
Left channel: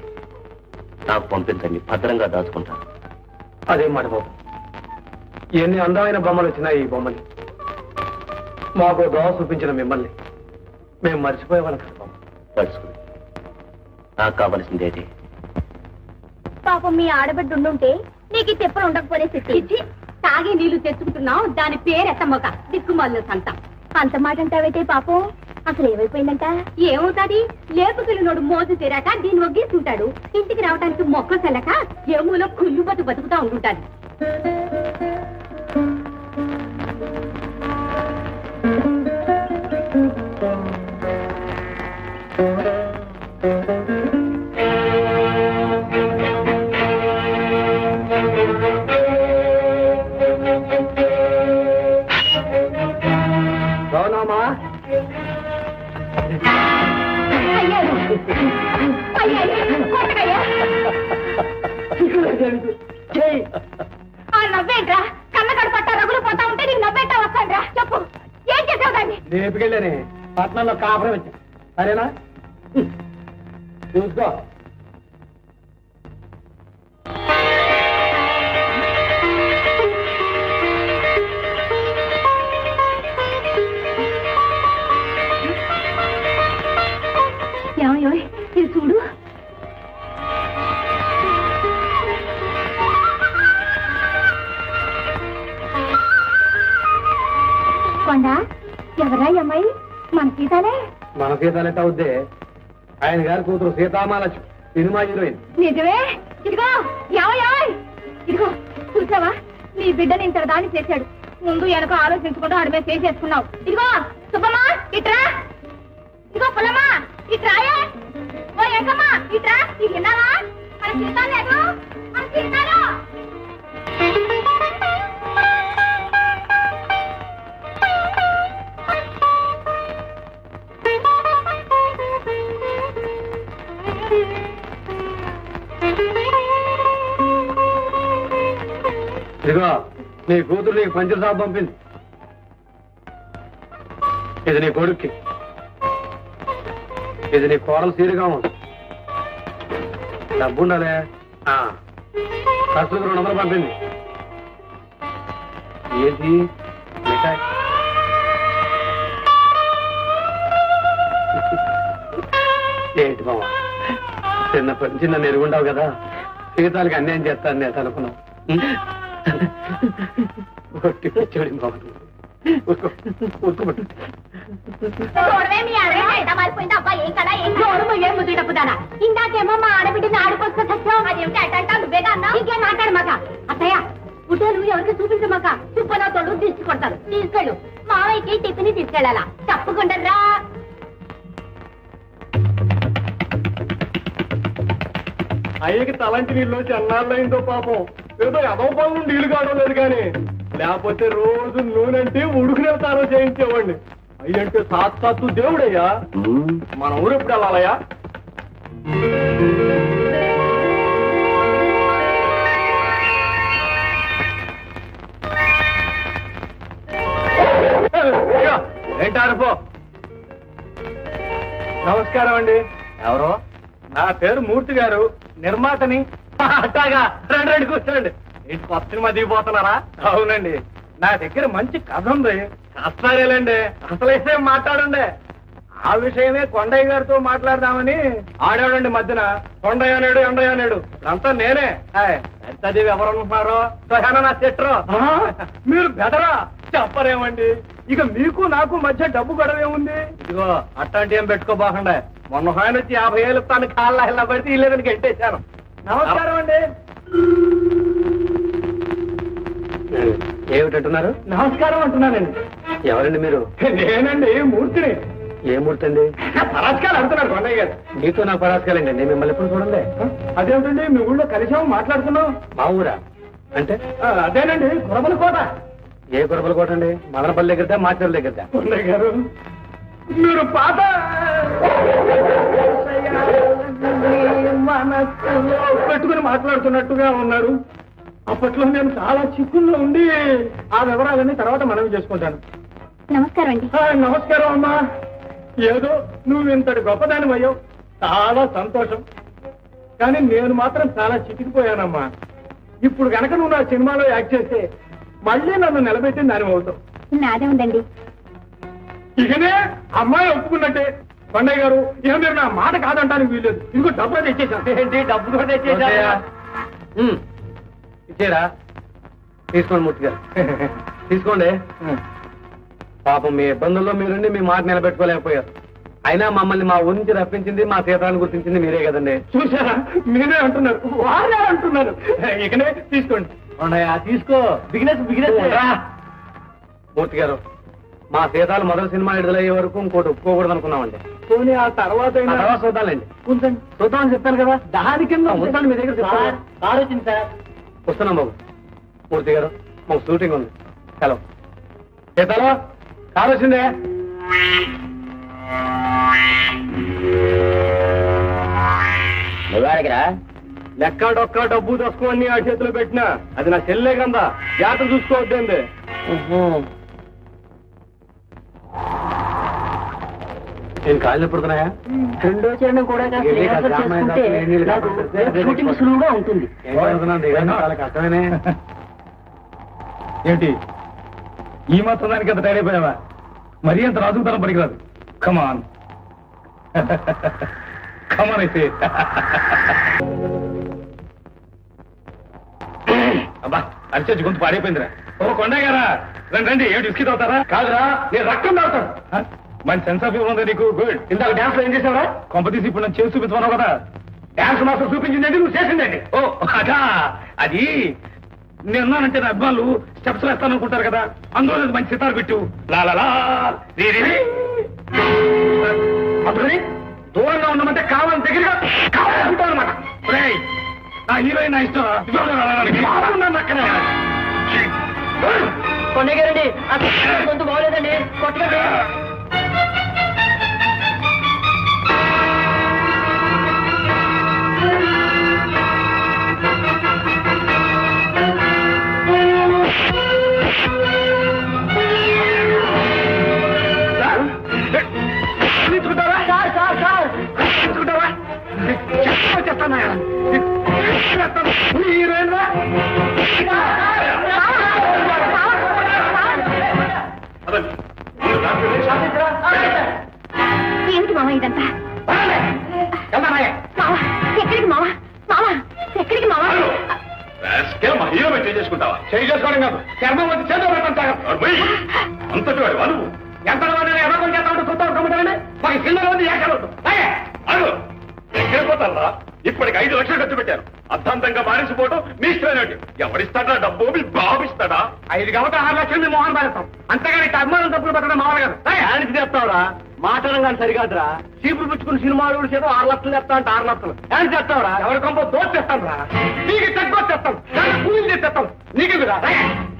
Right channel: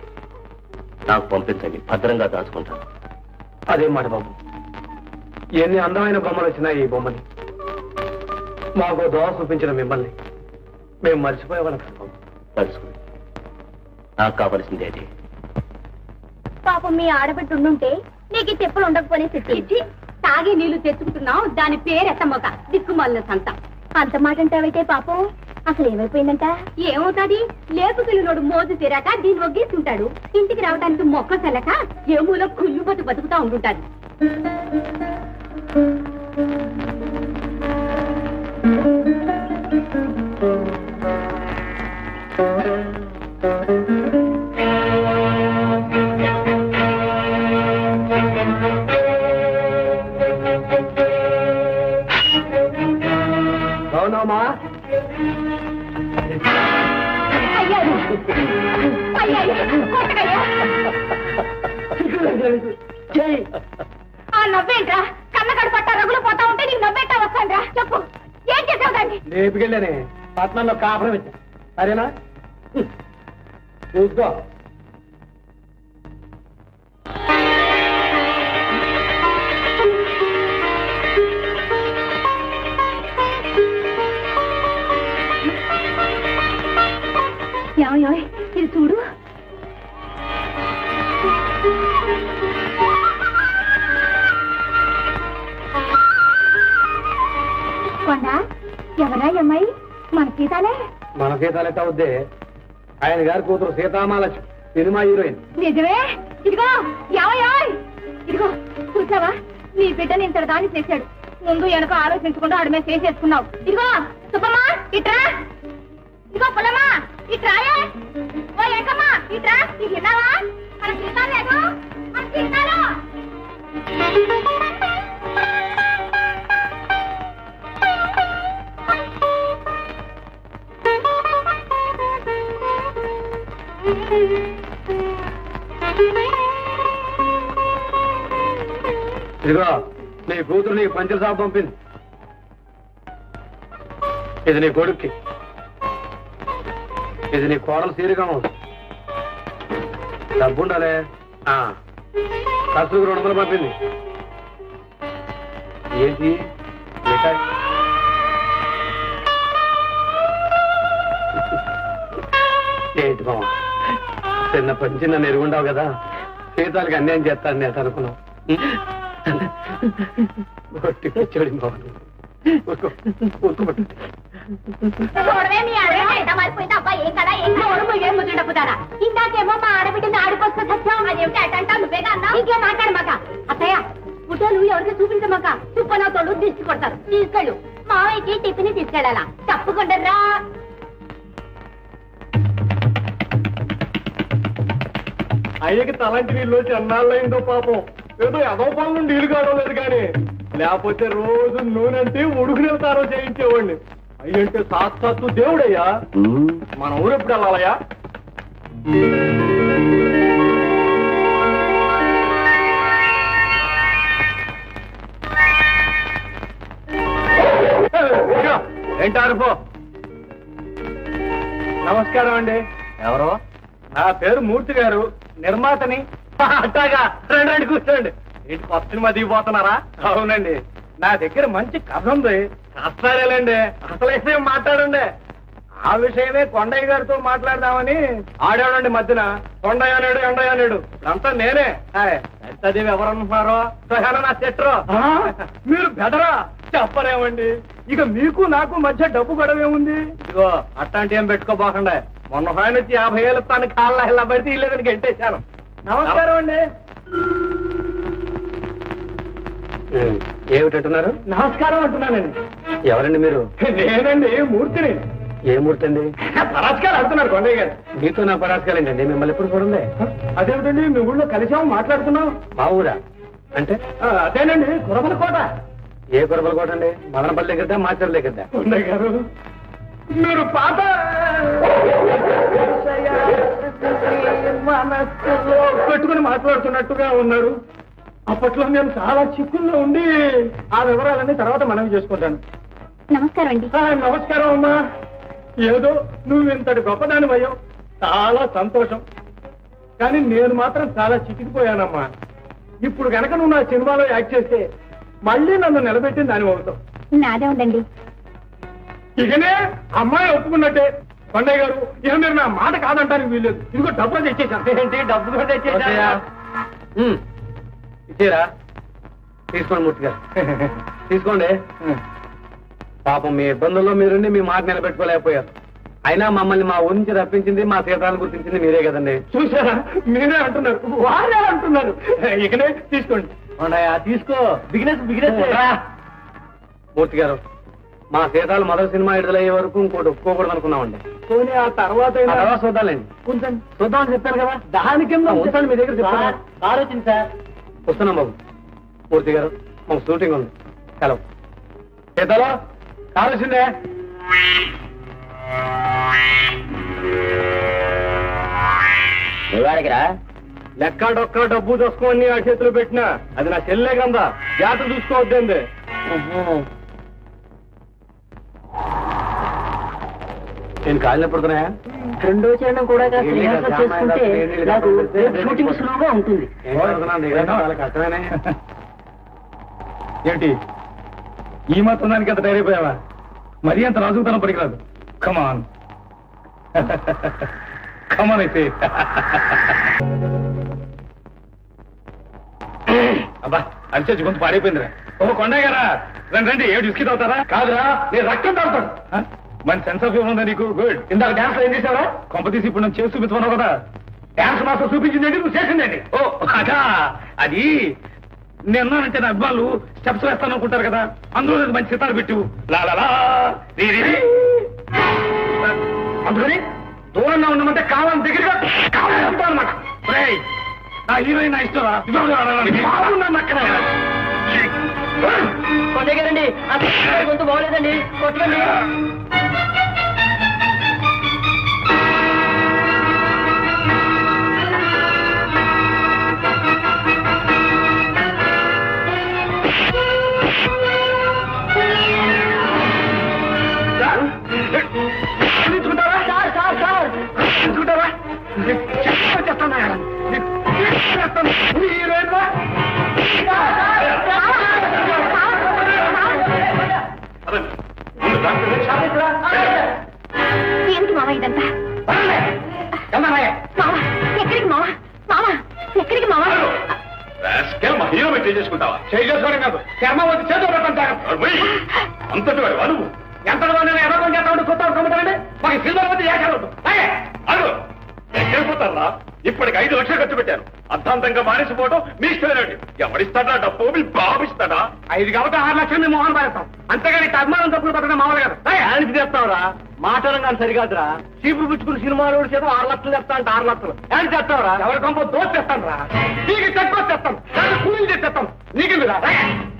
నాకు పంపించండి, భద్రంగా దాచుకుంటాను. అదేం మాట బాబు, ఎన్ని అందమైన బొమ్మలు వచ్చినాయి ఈ బొమ్మని. మాకు దోవ చూపించిన మిమ్మల్ని మేము మర్చిపోయేవాళ్ళం కదా బాబు. తడుచుకుని నాకు కావలసింది అదే. పాపం మీ ఆడబిడ్డ ఉండుంటే నీకు ఈ తెప్పలు ఉండకపోనే సిట్టి. తాగే నీళ్లు తెచ్చుకుంటున్నావు, దాని పేరెత్తమ్మక దిక్కుమాలిన సంత. అంత మాట అంటావైతే పాపం అసలు ఏమైపోయిందంట? ఏమవుతాది, లేపుకెళ్ళినోడు మోజు తీరాక దీన్ని ఒగ్గేస్తుంటాడు. ఇంటికి రావడానికి మొక్క సెల్లక ఏమూలో కుళ్ళు బతుకుతా ఉంటుంటాది. అవునమ్మా, ఆ నవ్వేంట్రా? కన్నకడు పట్ట రగులు పోతా ఉంటే నీకు నవ్వేంటా వస్తాండ్రా? చెప్పు, ఏం చేసావు దాన్ని? లేపుకెళ్ళానే పట్నంలో కాపురం వచ్చా. సరేనా, చూసుకో. ఇది చూడు. కొండ, ఎవరా అమ్మాయి? మన సీతాలే. మన సీతాలెట్ట అవుద్దే, ఆయన గారి కూతురు సీతామాలక్ష్మి, సినిమా హీరోయిన్. నిజమే. ఇదిగో ఇదిగో చూసావా, నీ బిడ్డని ఇంత దాన్ని చేశాడు. ముందు వెనక ఆలోచించకుండా ఆడమే చేసేసుకున్నావు. ఇదిగో సుబ్బమ్మా ఇట్రా, ఇదిగో పుల్లమ్మా ఇట్రాయే, ఓ ఏకమ్మా ఇట్రా. ఇది విన్నావా? మన సీతాలు లేదు, మన సీతాలు. ఇదిగో నీ కూతురు నీకు పంచల సాబు పంపింది. ఇది నీ కొడుక్కి, ఇది నీ కోడలు సీరుగా ఉంది. డబ్బు ఉండాలే. ఖర్చులకు 200 పంపింది. ఏంటి మిఠాయి? ఏంటి మామ, చిన్నప్పటి నుంచి నన్ను ఎరుగుండావు కదా, సీతాలకి అన్యాయం చేస్తాను నేను అనుకున్నావు. ఒట్టి వచ్చాడు మామ, ఊరుకోబట్టు. ఇందాకేమో మా ఆడబిడ్డని ఆడుకొస్తే సత్యం, అదేమిటి అటంటా నువ్వేగా అన్నా? ఇంకేం మాట్లాడమాక అత్తయ్య. ఫోటోలు ఎవరికి చూపించమాక, చుప్పనా తోడు దిష్టి కొడతారు. తీసుకెళ్ళు, మావయ్యకి టిఫిన్ తీసుకెళ్ళాలా? తప్పకుండా రా. అయ్యకి తలంటి నీళ్ళు వచ్చి అన్నాళ్ళయిందో పాపం. ఏదో ఎదో పనులు నీళ్లు కావడం లేదు కానీ, లేకపోతే రోజు నూనెంటే ఉడుకునే తారో చేయించేవాడిని. అయ్యంటే సాక్షాత్తు దేవుడయ్యా. మన ఊరు ఎప్పుడు వెళ్ళాలయ్యా? ఏంటారు పో. నమస్కారం అండి. ఎవరో? నా పేరు మూర్తి గారు, నిర్మాతని. అట్టాగా, రండి రండి కూర్చోండి. ఏంటి కొత్త సినిమా దిగిపోతున్నారా? అవునండి, నా దగ్గర మంచి కథ ఉంది. కష్టాలేండి, అసలు విషయం మాట్లాడండి. ఆ విషయమే కొండయ్య గారితో మాట్లాడదామని. ఆడేవాడండి మధ్యన కొండయ్య నేడు ఎండయ్య నేడు, అంతా నేనే. సరితాదేవి ఎవరనుకున్నారో, నా చెట్రో. మీరు బెదరా చెప్పరేమండి, ఇక మీకు నాకు మధ్య డబ్బు గొడవేముంది? ఇదిగో అట్లాంటి ఏం పెట్టుకోబోకుండా మొన్న ఆయన వచ్చి 50,000 తన కాళ్ళ ఇలా పడితే ఇల్లేదని గెంటేశాను. నమస్కారం అండి. ఏమిటంటున్నారు? నమస్కారం అంటున్నానండి. ఎవరండి మీరు? నేనండి, మూర్తిని. ఏ మూర్తి అండి? పరాస్కాలు అంటున్నారు కొండయ్య గారు. మీతో నాకు పరాస్కాలండి, మిమ్మల్ని ఎప్పుడు చూడండి. అదేమిటండి, మీ ఊళ్ళో కలిసాము, మాట్లాడుతున్నాం. మా ఊరా అంటే? అదేనండి, కురబల కోట. ఏ కురబల కోట అండి? మదనపల్లి దగ్గరదా, మాచర్ల దగ్గరదా? కొండయ్య గారు, మీరు పాత మనస్సులో పెట్టుకుని మాట్లాడుతున్నట్టుగా ఉన్నారు. అప్పట్లో నేను చాలా చిక్కుల్లో ఉండి ఆ వివరాలన్నీ తర్వాత మనవి చేసుకుంటాను. నమస్కారం అండి. నమస్కారం అమ్మా. ఏదో నువ్వు ఇంతటి గొప్పదాని అయ్యావు, చాలా సంతోషం. కానీ నేను మాత్రం చాలా చిక్కిపోయానమ్మా. ఇప్పుడు కనుక నువ్వు నా సినిమాలో యాక్ట్ చేస్తే మళ్ళీ నన్ను నిలబెట్టిన దాని అవుతావు. నాదే ఉందండి. ఇకనే అమ్మాయి ఒప్పుకున్నట్టే. కొండయ్య గారు, ఇక మీరు నా మాట కాదంటానికి వీల్లేదు. ఇదిగో డబ్బు తెచ్చేసాను. ఏంటి, డబ్బు కూడా తెచ్చేసా? ఇచ్చేరా? తీసుకోండి మూర్తి గారు, తీసుకోండి. పాపం మీ ఇబ్బందుల్లో మీరుండి మీ మాట నిలబెట్టుకోలేకపోయారు. అయినా మమ్మల్ని మా ఊరి నుంచి రప్పించింది, మా సీతాలను గుర్తించింది మీరే కదండి. చూసారా, మీరే అంటున్నారు, వారే అంటున్నారు. ఇకనే తీసుకోండి. తీసుకో. బిగినెస్ మూర్తి గారు, మా సీతాలు మొదటి సినిమా విడుదలయ్యే వరకు ఇంకోటి ఒప్పుకోకూడదు అనుకున్నామండి. పోనీ ఆ తర్వాత చూద్దాంలేండి. ఉంచండి, చూద్దామని చెప్పాను కదా. దాని కింద ఉంచండి. మీ దగ్గర చెప్పారు. కారు వచ్చింది సార్. వస్తున్నాం బాబు. మూర్తి గారు, మాకు షూటింగ్ ఉంది. హలో సీతాలో, కారు వచ్చిందే. నువ్వాడికిరా లెక్క డొక్క డబ్బు దోసుకోని ఆ చేతిలో పెట్టినా అది నా చెల్లె కందా. జాగ్రత్త చూసుకోవద్దండి. నేను కాళ్ళు పడుతున్నాయా? రెండో చరణం కూడా షూటింగ్ సులువుగా ఉంటుంది. చాలా కష్టమేనే. ఏంటి ఈ మాత్రం దానికి అంత టైర్ అయిపోయావా? మరీ అంత రాజుకుతనం పనికిరాదు. కమాన్ కమాన్ అయితే. అబ్బా, అరిచేసి గొంతు పాడైపోయిందిరా. ఓ కొండయ్య గారా, రండి రండి. ఏమిటి విస్కీ తాగుతారా? కాదురా, నేను రక్తం తాగుతాను. మన సెన్స్ ఆఫ్ హ్యూమర్ ఉందా నీకు? గుడ్. ఇందాక డాన్స్ లో ఏం చేసావరా? కొంప తీసి ఇప్పుడు నన్ను చేసి చూపించమన్నావు కదా. డాన్స్ మాస్టర్ చూపించిందండి, నువ్వు చేసిందండి. ఓ అదా, అది నేనున్నానంటే నా అభిమానులు స్టెప్స్ వేస్తాను అనుకుంటారు కదా, అందులో మంచి సితారు పెట్టు. లాలా అందుకని దూరంగా ఉన్నామంటే కావాలని దగ్గరగా కావాలనుకుంటాను అనమాట. నా హీరోయిన్ నా ఇష్టం అక్కడ. కొండయ్య గారండి, గొంతు బాగోలేదండి, కొట్టకండి. ఏమిటి మామ ఇదంతా? ఎక్కడికి మావా? మావా ఎక్కడికి మావా? మా హీరో పెట్టి చేసుకుంటావా? చేసుకోవడం కాదు, చర్మం వచ్చి చేతిలో పెట్టండి. అంతటి వాడు నువ్వు ఎంత ఎవరికొని చేస్తామంటే చూద్దాం కమ్ముతానండి. మాకు సిల్వర్ వద్దు, ఏకవద్దు. అను ఎక్కడ పోతారా? ఇప్పటికి 5 లక్షలు ఖర్చు పెట్టాను. అర్థాంతంగా మానేసిపోవటం మీ ఇష్టమైనట్టు. ఎవరిస్తాడా డబ్బు? మీ బాబు ఇస్తాడా? 5 కాబట్టి 6 లక్షలు మేము మోహన్ పాలిస్తాం. అంతేగాని అభిమానం తప్పులు పెట్టడం మామూలు కదా. ఆయనకి చెప్తావురా? మాటలం కానీ సరికాదురా. చీపులు పుచ్చుకుని సినిమాలు చేత 6 లక్షలు చెప్తా అంటే 6 లక్షలు ఆయన చెప్తావురా? ఎవరి కొంప దోచి చేస్తాను రా. నీకు తక్కువ చేస్తాను, కూలీలు చేస్తాను. నీకు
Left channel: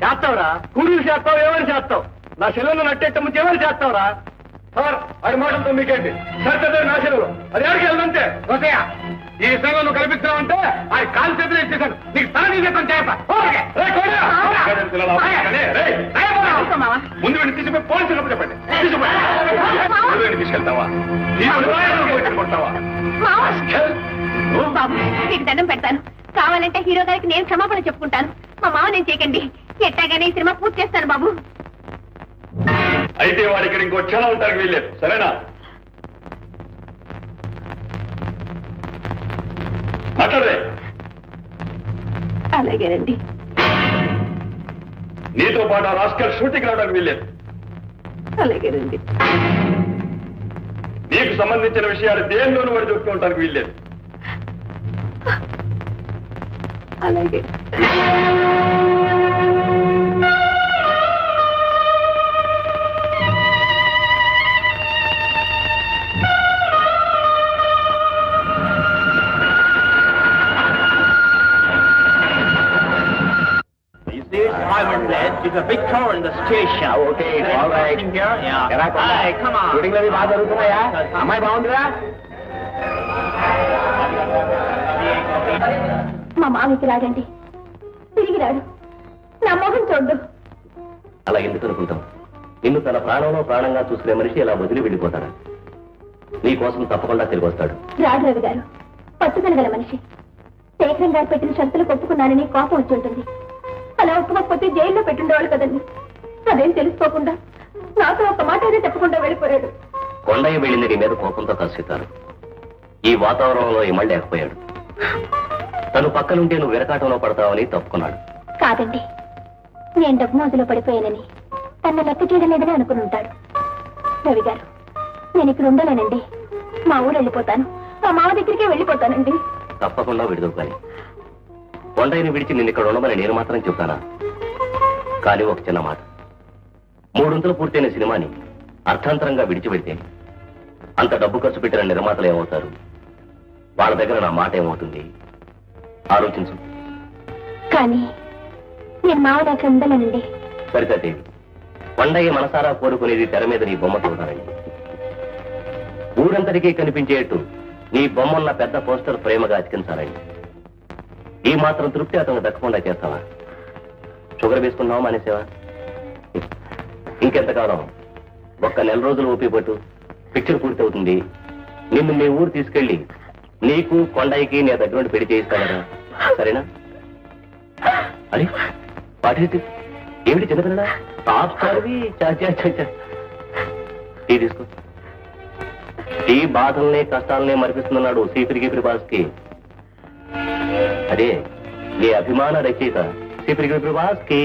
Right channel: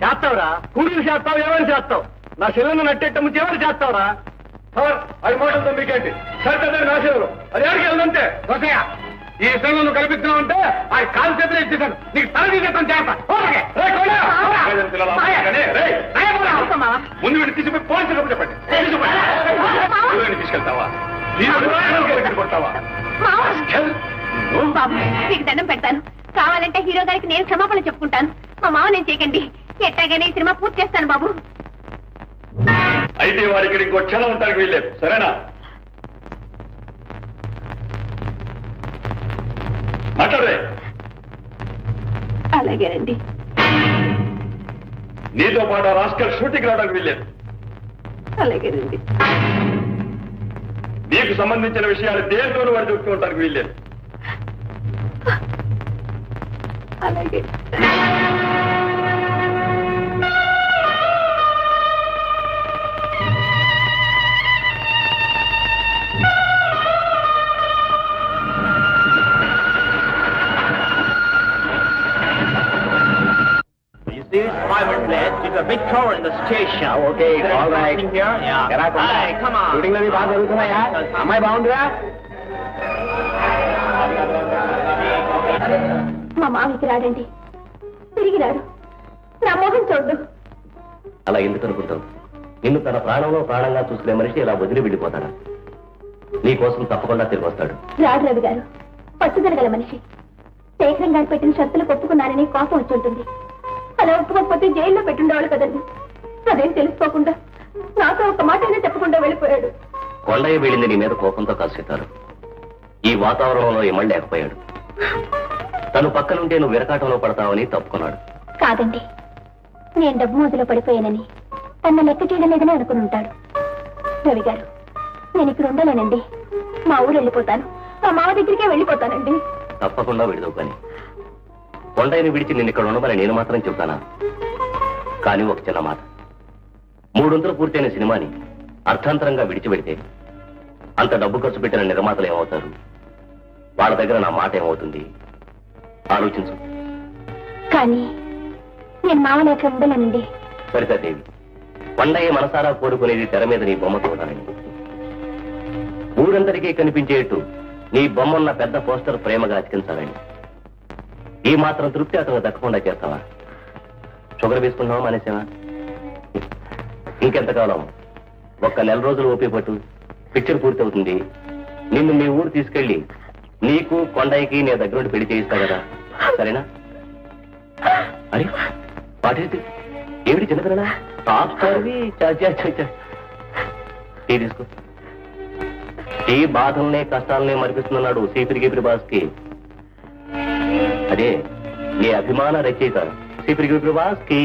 చేస్తావురా? కూలీలు చేస్తావు, ఏమని చేస్తావు? నా చెల్లెలను నట్టేట్ట ముందు ఏమని చేస్తావురా? సార్, అది మాటలతో మీకేంటి? సరిగ్గా నా చెల్లెలు అది ఎవరికి వెళ్ళదంతే. ఓకే, ఈ విషయంలో నువ్వు కల్పిస్తున్నావంటే ఆ కాలు చేతులు ఇచ్చేసాను. నీకు తల తీసేస్తాను చేస్తా. ముందు వీడిని తీసుకుపోయి పోలీసులకు చెప్పండి. తీసుకెళ్తావా? కొడతావా? బాబు మీకు దండం పెడతాను. కావాలంటే హీరో గారికి నేను క్షమాపణ చెప్పుకుంటాను. మా మావ నేను చేయకండి. ఎట్టాగానే ఈ సినిమా పూర్తి చేస్తాను బాబు. అయితే వాడు ఇక్కడ ఇంకో క్షణం ఉంటానికి వీల్లేదు, సరేనా? మాట్లాడరే. అలాగేనండి. నీతో పాటు ఆ రాస్కల్ షూటింగ్ రావడానికి వీల్లేదు. అలాగేనండి. నీకు సంబంధించిన విషయాలు దేనిలోనూ వాడు చెప్తూ ఉండడానికి వీల్లేదు. అలాగే. It's a big tower in the station. Okay, all right. Hi, come on. Shooting అవి బాగా జరుగుతున్నాయా? అమ్మాయి బాగుందిరా? మా మామికి రాడండి, తిరిగి రాడు. నా మొహం చూడ్డు. అలా ఎందుకు అనుకుంటావు? నిన్ను తన ప్రాణంలో ప్రాణంగా చూసుకునే మనిషి ఇలా వదిలి వెళ్ళిపోతాడా? నీ కోసం తప్పకుండా తిరిగి వస్తాడు. రాడు రవి గారు పట్టుదల గల మనిషి. శేఖరం గారు పెట్టిన షరతులు ఒప్పుకున్నానని కోపం వచ్చి ఉంటుంది. అలా ఒప్పుకోకపోతే జైల్లో పెట్టుండేవాళ్ళు కదండి. అదేం తెలుసుకోకుండా నాతో ఒక మాట అయినా చెప్పకుండా వెళ్ళిపోయాడు. కొండయ్య వెళ్ళింది నీ మీద కోపంతో కసితారు. ఈ వాతావరణంలో ఇమళ్ళలేకపోయాడు. తను పక్కనుంటే నువ్వు విరకాటంలో పడతావని తప్పుకున్నాడు. కాదండి, నేను డబ్బు మోజులో పడిపోయానని తన లెక్క చేయడం లేదని అనుకుని ఉంటాడు. రవి గారు, నేను ఇక్కడ ఉండలేనండి. మా ఊరు వెళ్ళిపోతాను. మా మామ దగ్గరికే వెళ్ళిపోతానండి. తప్పకుండా విడుదవు. కానీ కొండయ్యని విడిచి నిన్ను ఇక్కడ ఉండమని నేను మాత్రం చెప్తానా? కానీ ఒక చిన్న మాట, 300 పూర్తయిన సినిమాని అర్థాంతరంగా విడిచిపెడితే అంత డబ్బు ఖర్చు పెట్టిన నిర్మాతలు ఏమవుతారు? వాళ్ళ దగ్గర నా మాట ఏమవుతుంది? ఆలోచించు. కానీ నేను మావ లేక ఉండలేనండి. సరితాదేవి, కొండయ్య మనసారా కోరుకునేది తెర మీద నీ బొమ్మ చూడాలని. ఊరంతటికీ కనిపించేట్టు నీ బొమ్మన్న పెద్ద పోస్టర్ ప్రేమగా అతికించాలని. ఈ మాత్రం తృప్తి అతను దక్కకుండా చేస్తావా? షుగర్ వేసుకున్నావా మానేసేవా? ఇంకెంతకాలం? ఒక్క నెల రోజులు ఓపి పట్టు, పిక్చర్ పూర్తి అవుతుంది. నిన్ను మీ ఊరు తీసుకెళ్లి నీకు కొండయ్యకి నీ దగ్గర నుండి పెళ్లి చేయిస్తా కదా, సరేనా? అరే పాటి ఏమిటి చిన్నపిల్లలా? టాప్ స్టార్వి. టీ తీసుకో. టీ బాధల్ని కష్టాలనే మరిపిస్తున్నాడు సీపిరి గిపిరి బాస్కి. అదే నీ అభిమాన రచయిత సీపిరి గిపిరి బాస్కి.